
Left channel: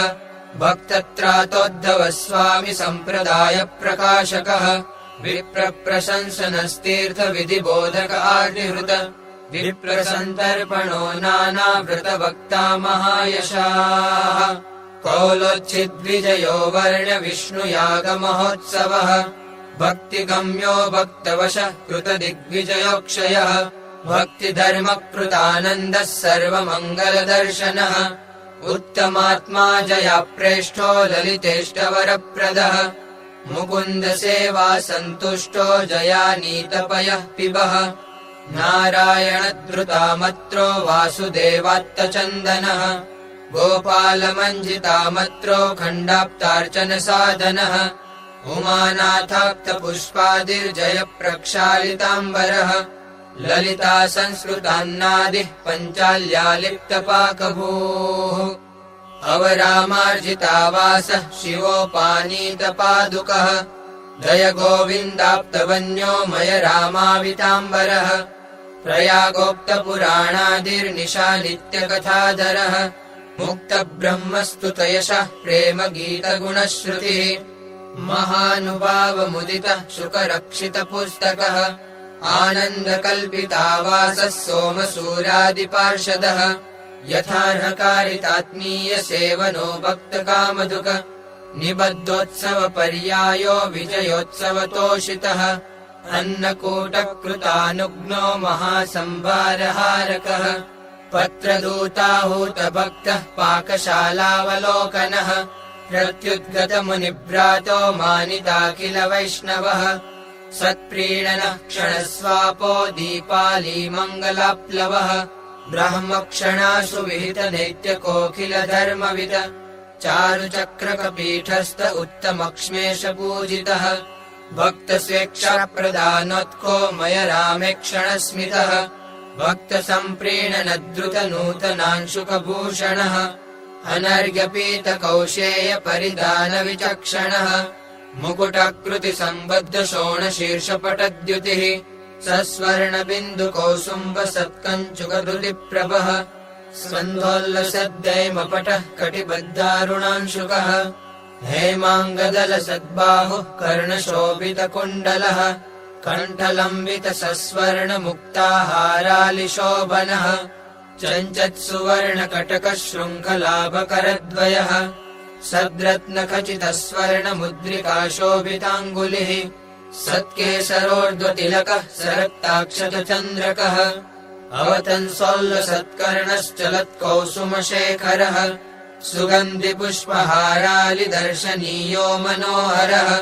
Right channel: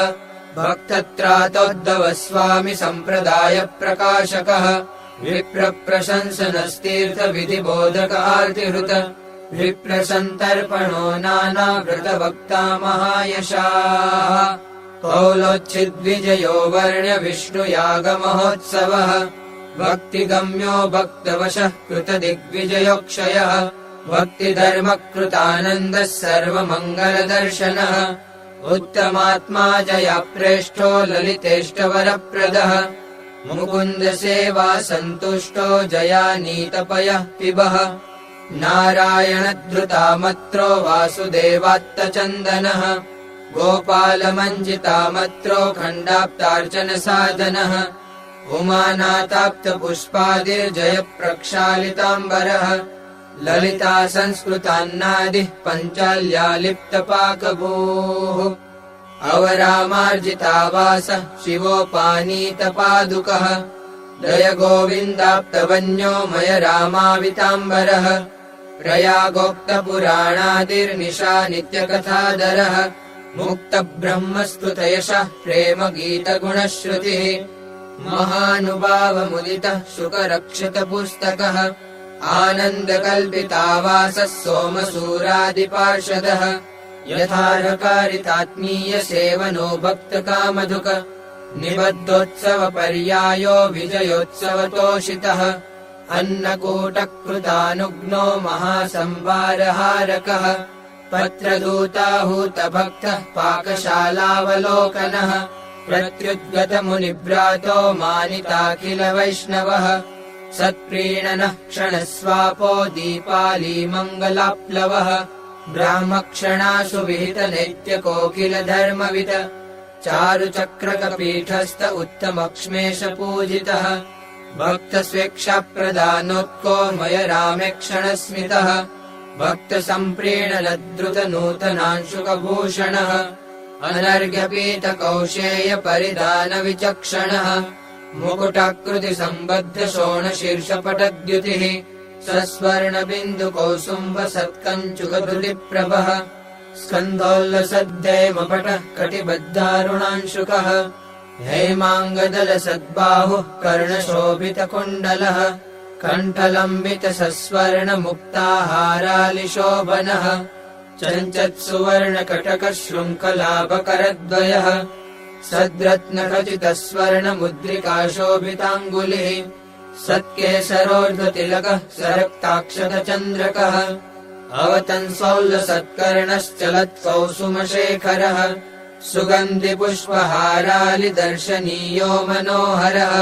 भक्तत्रातोद्धव स्वामी सम्प्रदायप्रकाशकः विप्रप्रशंसनस्तीर्थविधिबोधक आर्तिहृत विप्रसन्तर्पणो नानावृतभक्ता महायशाः कौलोच्छिद्विजयो वर्ण्य विष्णुयागमहोत्सवः भक्तिगम्यो भक्तवशः कृतदिग्विजयोक्षयः भक्तिधर्मकृतानन्दः सर्वमङ्गलदर्शनः उत्तमात्मा जयाप्रेष्ठो ललितेष्टवरप्रदः मुकुन्दसेवा सन्तुष्टो जयानीतपयः पिबः नारायणधृतामत्रो वासुदेवात्तचन्दनः गोपालमञ्जितामत्रो खण्डाप्तार्चनसाधनः उमानाथाप्तपुष्पादिर्जयप्रक्षालिताम्बरः ललिता संस्कृतान्नादिः पञ्चाल्यालिप्तपाकभूः अवरामार्जितावासः शिवोपानीतपादुकः जय गोविन्दाप्तवन्यो मय रामाविताम्बरः प्रयागोक्तपुराणादिर्निशादित्यकथाधरः मुक्तब्रह्मस्तुतयशः प्रेमगीतगुणश्रुतिः महानुभावमुदितः शुकरक्षितपुस्तकः आनन्दकल्पितावासः सोमसूरादिपार्षदः यथार्हकारितात्मीयसेवनो भक्तकामधुक निबद्धोत्सवपर्यायो विजयोत्सवतोषितः अन्नकूटकृतानुग्नो महासंभारहारकः पत्रदूताहूतभक्तः पाकशालावलोकनः प्रत्युद्गतमुनिभ्रातो मानिताखिल वैष्णवः सत्प्रीणनः क्षणस्वापो दीपालीमङ्गलाप्लवः ब्राह्मक्षणासु विहितनैत्यकोकिलधर्मविद चारुचक्रकपीठस्थ उत्तमक्ष्मेशपूजितः भक्तस्वेच्छाप्रदानोत्को मय रामे क्षणस्मितः भक्तसम्प्रीणनद्रुतनूतनांशुकभूषणः अनर्घ्यपीतकौशेयपरिधानविचक्षणः मुकुटाकृतिसम्बद्धशोणशीर्षपटद्युतिः सस्वर्णबिन्दुकौसुम्बसत्कञ्चुकधृतिप्रभः स्कन्धोल्लसद्धैमपटः कटिबद्धारुणांशुकः हेमाङ्गदलसद्बाहुः कर्णशोभितकुण्डलः कण्ठलम्बितसस्वर्णमुक्ताहारालिशोभनः चञ्चत्सुवर्णकटकशृङ्खलाभकरद्वयः सद्रत्नखचितस्वर्णमुद्रिकाशोभिताङ्गुलिः सत्केसरोर्ध्वतिलकः सरक्ताक्षतचन्द्रकः अवतंसोल्लसत्कर्णश्चलत्कौसुमशेखरः सुगन्धिपुष्पहारालिदर्शनीयो मनोहरः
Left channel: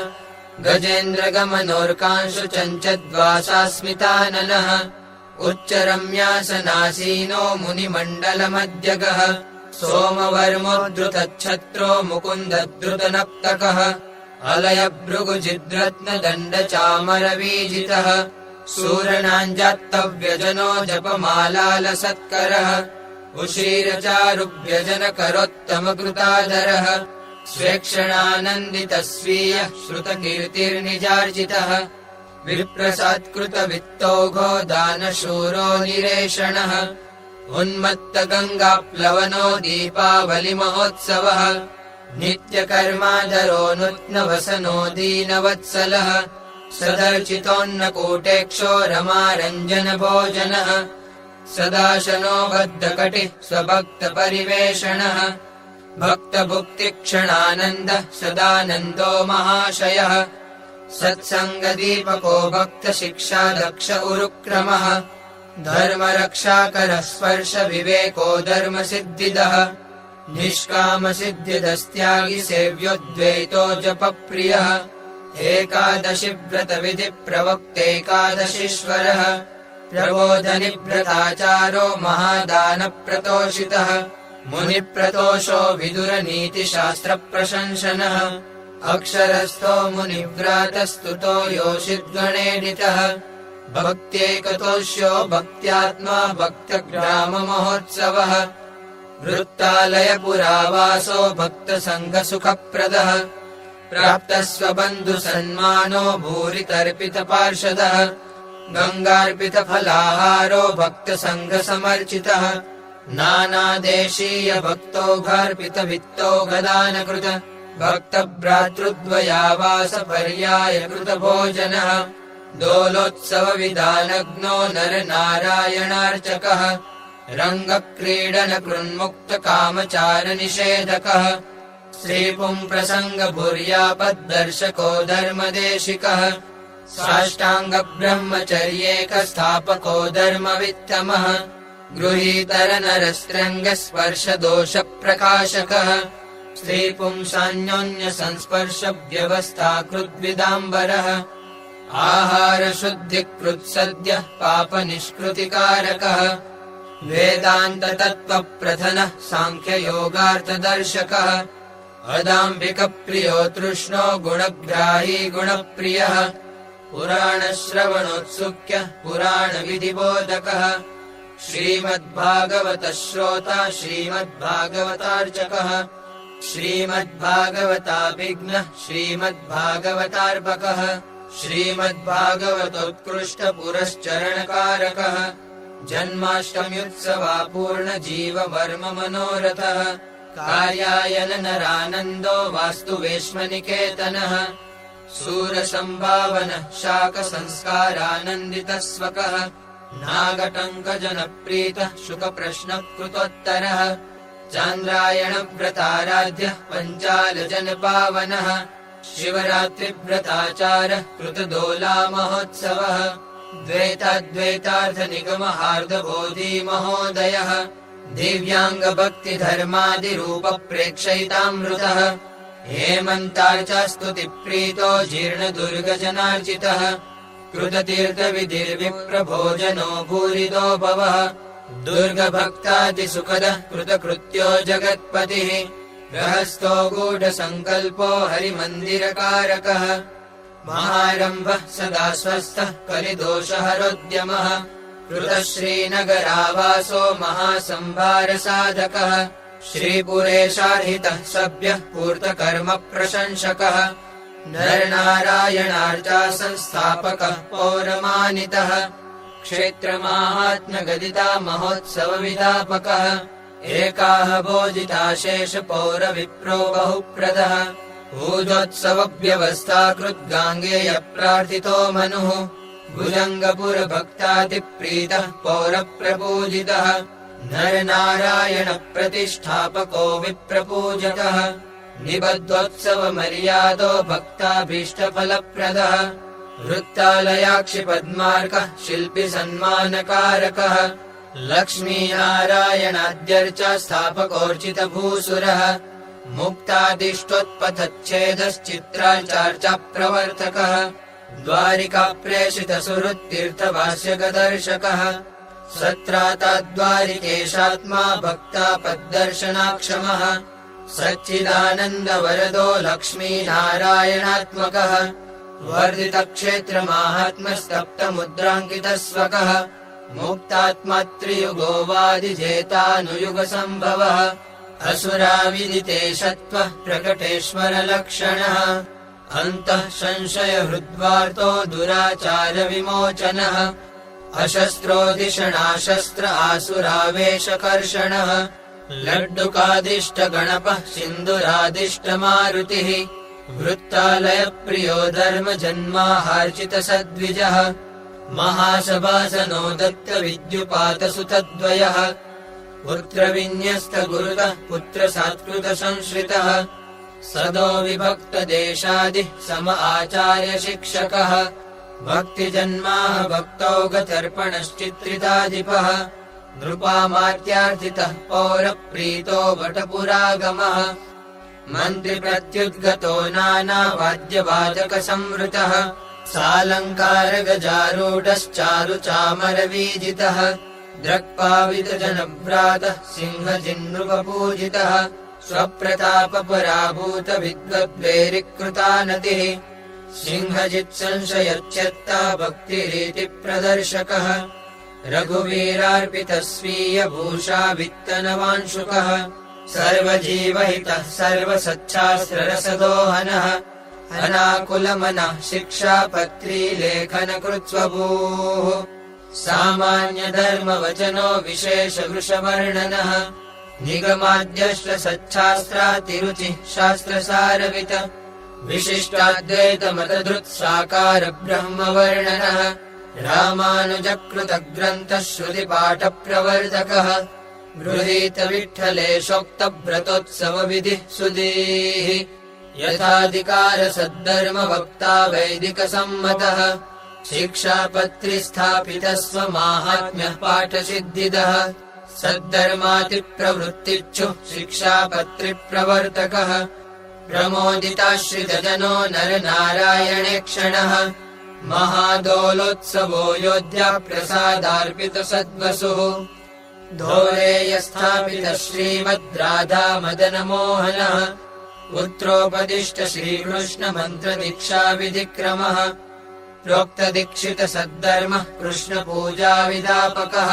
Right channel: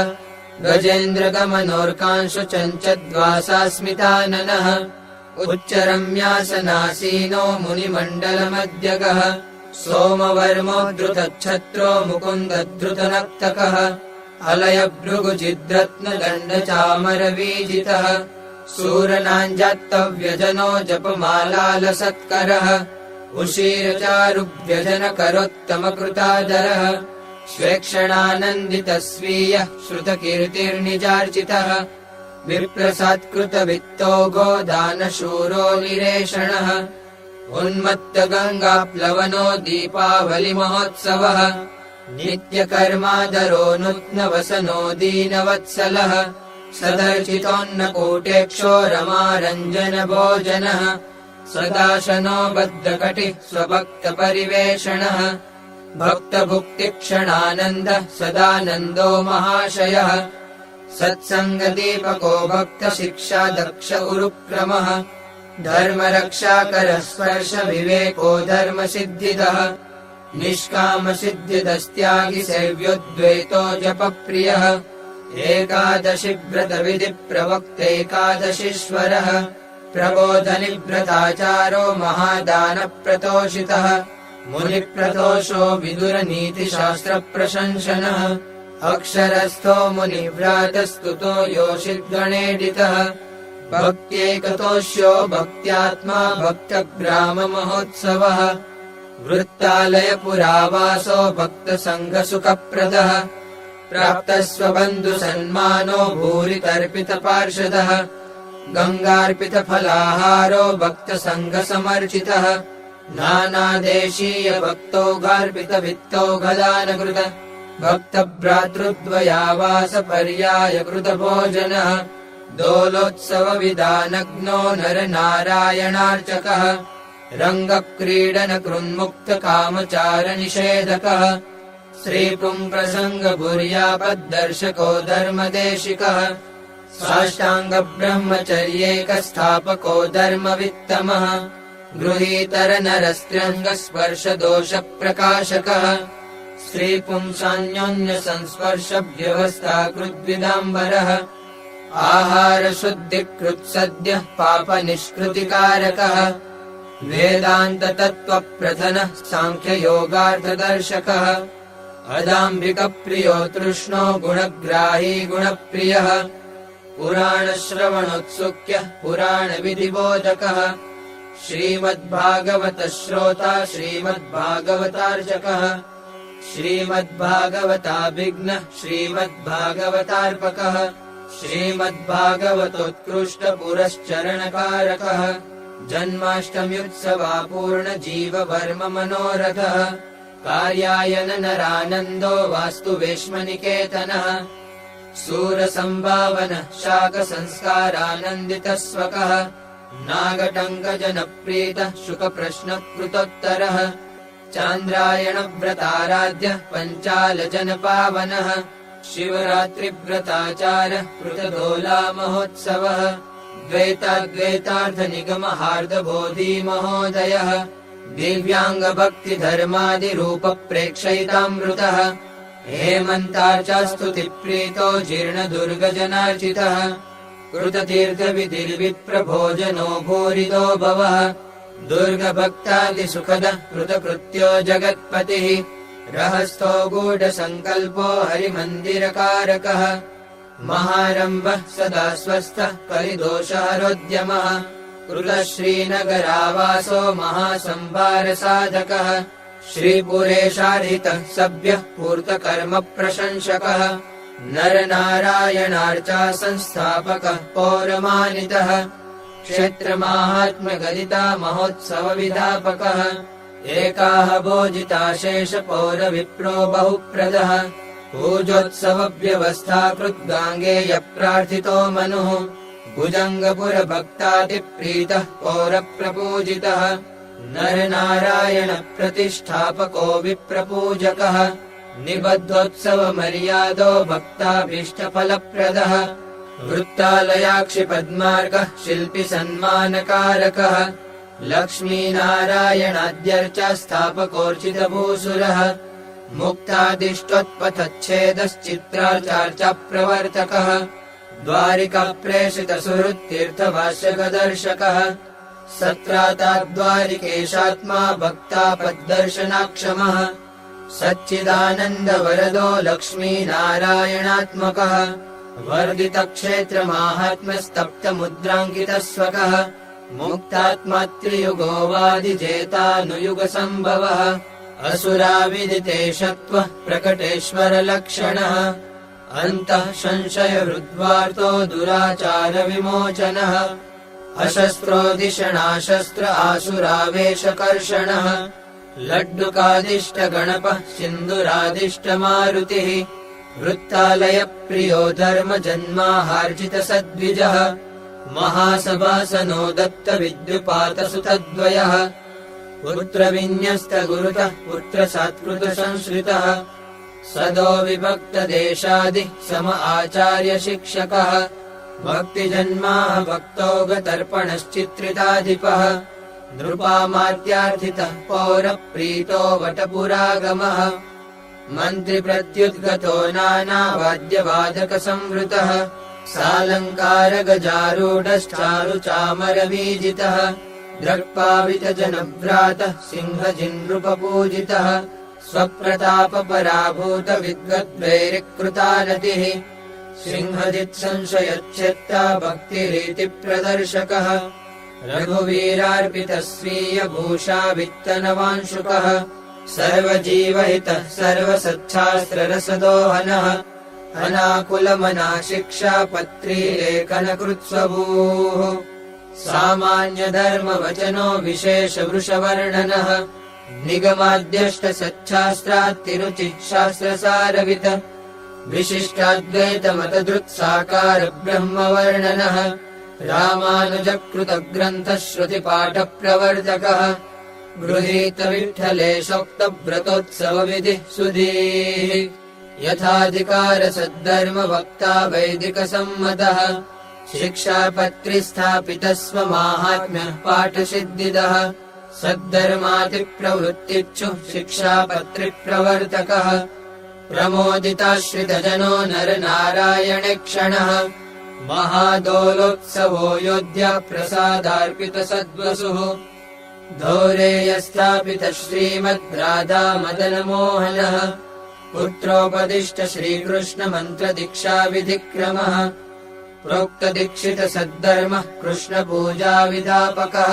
गजेन्द्रगमनोर्कांशु चञ्चद्वासास्मिताननः उच्चरम्यासनासीनो मुनिमण्डलमध्यगः सोमवर्मो धृतच्छत्रो मुकुन्दधृतनक्तकः अलयभृगुजिद्रत्नदण्डचामरवीजितः सूरनाञ्जात्तव्यजनो जपमालालसत्करः उशीरचारुभ्यजनकरोत्तमकृतादरः स्वेक्षणानन्दितस्वीयः श्रुतकीर्तिर्निजार्जितः विप्रसात्कृतवित्तौघो दानशूरो निरेषणः उन्मत्तगङ्गाप्लवनो दीपावलिमहोत्सवः नित्यकर्मादरो नुत्नवसनो दीनवत्सलः सदर्चितोन्नकूटेक्षो रमारञ्जनभोजनः सदाशनो बद्धकटिः स्वभक्तपरिवेषणः भक्तभुक्तिक्षणानन्दः सदानन्दो महाशयः सत्सङ्गदीपको भक्तशिक्षादक्ष उरुक्रमः धर्मरक्षाकरः स्पर्शविवेको धर्मसिद्धिदः निष्कामसिद्धिदस्त्यागि सेव्योद्वैतो जपप्रियः एकादशि व्रतविधिप्रवक्तेकादशीश्वरः प्रबोधनिव्रताचारो महादानप्रतोषितः मुनिप्रतोषो विदुरनीतिशास्त्रप्रशंसनः अक्षरस्थो मुनिव्रातस्तुतो योषिद्गणेडितः भक्त्येकतोष्यो भक्त्यात्मा भक्तग्राममहोत्सवः वृत्तालयपुरावासो भक्तसङ्गसुखप्रदः प्राप्तस्वबन्धुसन्मानो भूरितर्पितपार्षदः गङ्गार्पितफलाहारो भक्तसङ्गसमर्चितः नानादेशीयभक्तौघार्पितवित्तौघदानकृत भक्तभ्रातृद्वयावासपर्यायकृतभोजनः दोलोत्सवविधानग्नो नरनारायणार्चकः रङ्गक्रीडनकृन्मुक्तकामचारनिषेधकः श्रीपुंप्रसङ्गभूर्यापद्दर्शको धर्मदेशिकः साष्टाङ्गब्रह्मचर्येकस्थापको धर्मवित्तमः गृहीतरनरस्त्रङ्गस्पर्शदोषप्रकाशकः श्रीपुंसान्योन्यसंस्पर्शव्यवस्थाकृद्विदाम्बरः आहारशुद्धिकृत्सद्यः पापनिष्कृतिकारकः वेदान्ततत्त्वप्रधनः साङ्ख्ययोगार्थदर्शकः अदाम्बिकप्रियो तृष्णो गुणग्राही गुणप्रियः पुराणश्रवणोत्सुक्यः पुराणविधिबोधकः श्रीमद्भागवतश्रोता श्रीमद्भागवतार्चकः श्रीमद्भागवताभिज्ञः श्रीमद्भागवतार्पकः श्रीमद्भागवतोत्कृष्टपुरश्चरणकारकः जन्माष्टम्युत्सवापूर्णजीववर्ममनोरथः कार्यायन नरानन्दो वास्तुवेश्मनिकेतनः सूरसम्भावनः शाकसंस्कारानन्दितः स्वकः नागटङ्कजनप्रीतः शुकप्रश्नकृतोत्तरः चान्द्रायणव्रताराध्यः पञ्चालजनपावनः शिवरात्रिव्रताचारः कृतदोलामहोत्सवः द्वैताद्वैतार्थनिगमहार्दबोधी महोदयः दिव्याङ्गभक्तिधर्मादिरूपप्रेक्षयितामृतः हेमन्तार्चास्तुतिप्रीतो जीर्णदुर्गजनार्जितः कृततीर्थविधिर्विप्रभोजनो भूरितो भवः दुर्गभक्तादिसुखदः कृतकृत्यो जगत्पतिः रहस्तो गूढसङ्कल्पो हरिमन्दिरकारकः महारम्भः सदा स्वस्थः कलिदोषहरोद्यमः कृतः श्रीनगरावासो महासंभारसाधकः श्रीपुरेशार्हितः सभ्यः पूर्तकर्मप्रशंसकः नरनारायणार्चा संस्थापकः पौरमानितः क्षेत्रमाहात्म्यगदिता महोत्सवविधापकः एकाः भोजिताशेषपौरविप्रो बहुप्रदः पूजोत्सवव्यवस्थाकृद्गाङ्गेयप्रार्थितो मनुः भुजङ्गपुरभक्तादिप्रीतः पौरप्रपूजितः नरनारायणप्रतिष्ठापको विप्रपूजकः निबद्धोत्सवमर्यादो भक्ताभीष्टफलप्रदः वृत्तालयाक्षि पद्मार्कः शिल्पि सन्मानकारकः लक्ष्मीनारायणाद्यर्च स्थापकोर्चितभूसुरः मुक्तादिष्टोत्पथच्छेदश्चित्राचार्च प्रवर्तकः द्वारिकाप्रेषितसुहृत्तीर्थभाष्यकदर्शकः सत्राताद्वारिकेशात्मा भक्तापद्दर्शनाक्षमः सच्चिदानन्दवरदो लक्ष्मीनारायणात्मकः वर्धितक्षेत्रमाहात्म्यस्तप्तमुद्राङ्कितस्वकः मुक्तात्मा त्रियुगोवादिजेतानुयुगसम्भवः असुराविदितेशत्वः प्रकटेश्वरलक्षणः अन्तः संशयहृद्वार्तो दुराचारविमोचनः अशस्त्रोदिषणाशस्त्र आसुरावेशकर्षणः लड्डुकादिष्टगणपः सिन्दुरादिष्टमारुतिः वृत्तालयप्रियो धर्मजन्माहार्जितसद्विजः महासभासनो दत्तविद्युपातसुतद्वयः पुत्रविन्यस्तगुरुतः पुत्रसात्कृतसंश्रितः सदो विभक्तदेशादि सम आचार्यशिक्षकः भक्तिजन्माः भक्तौगतर्पणश्चित्रिताधिपः नृपामात्यार्थितः पौरप्रीतो वटपुरागमः मन्त्रिप्रत्युद्गतो नानावाद्यवादकसंवृतः सालङ्कारगजारूढश्चारुचामरवीजितः द्रक्पावितजनभ्रातः सिंहजिन्नृपपूजितः स्वप्रतापपराभूतविद्वद्वैरिकृतानतिः सिंहजित्संशयच्छेत्ता भक्तिरीतिप्रदर्शकः रघुवीरार्पितस्वीयभूषा वित्तनवांशुकः सर्वजीवहितः सर्वसच्छास्त्ररसदोहनः अनाकुलमना शिक्षापत्री लेखनकृत्स्वभूः सामान्यधर्मवचनो विशेषवृषवर्णनः निगमाद्यष्टसच्छास्त्रातिरुचिः शास्त्रसारविद विशिष्टाद्वैतमतधृत्साकार ब्रह्मवर्णनः रामानुजकृतग्रन्थः श्रुतिपाठप्रवर्तकः गृहीतविठ्ठलेशोक्तव्रतोत्सवविधिः सुधीः यथाधिकारसद्धर्मवक्ता वैदिकसम्मतः शिक्षापत्रिस्थापितः स्वमाहात्म्यः पाठसिद्धिदः सद्धर्मातिप्रवृत्तिच्छुः शिक्षापत्रिप्रवर्तकः प्रमोदिताश्रितजनो नरनारायणेक्षणः महादोलोत्सवो योध्या प्रसादार्पितसद्वसुः धोरेयस्थापितः श्रीमद्राधा मदनमोहनः पुत्रोपदिष्ट श्रीकृष्णमन्त्रदीक्षाविधिक्रमः प्रोक्तदीक्षितसद्धर्मः कृष्णपूजाविदापकः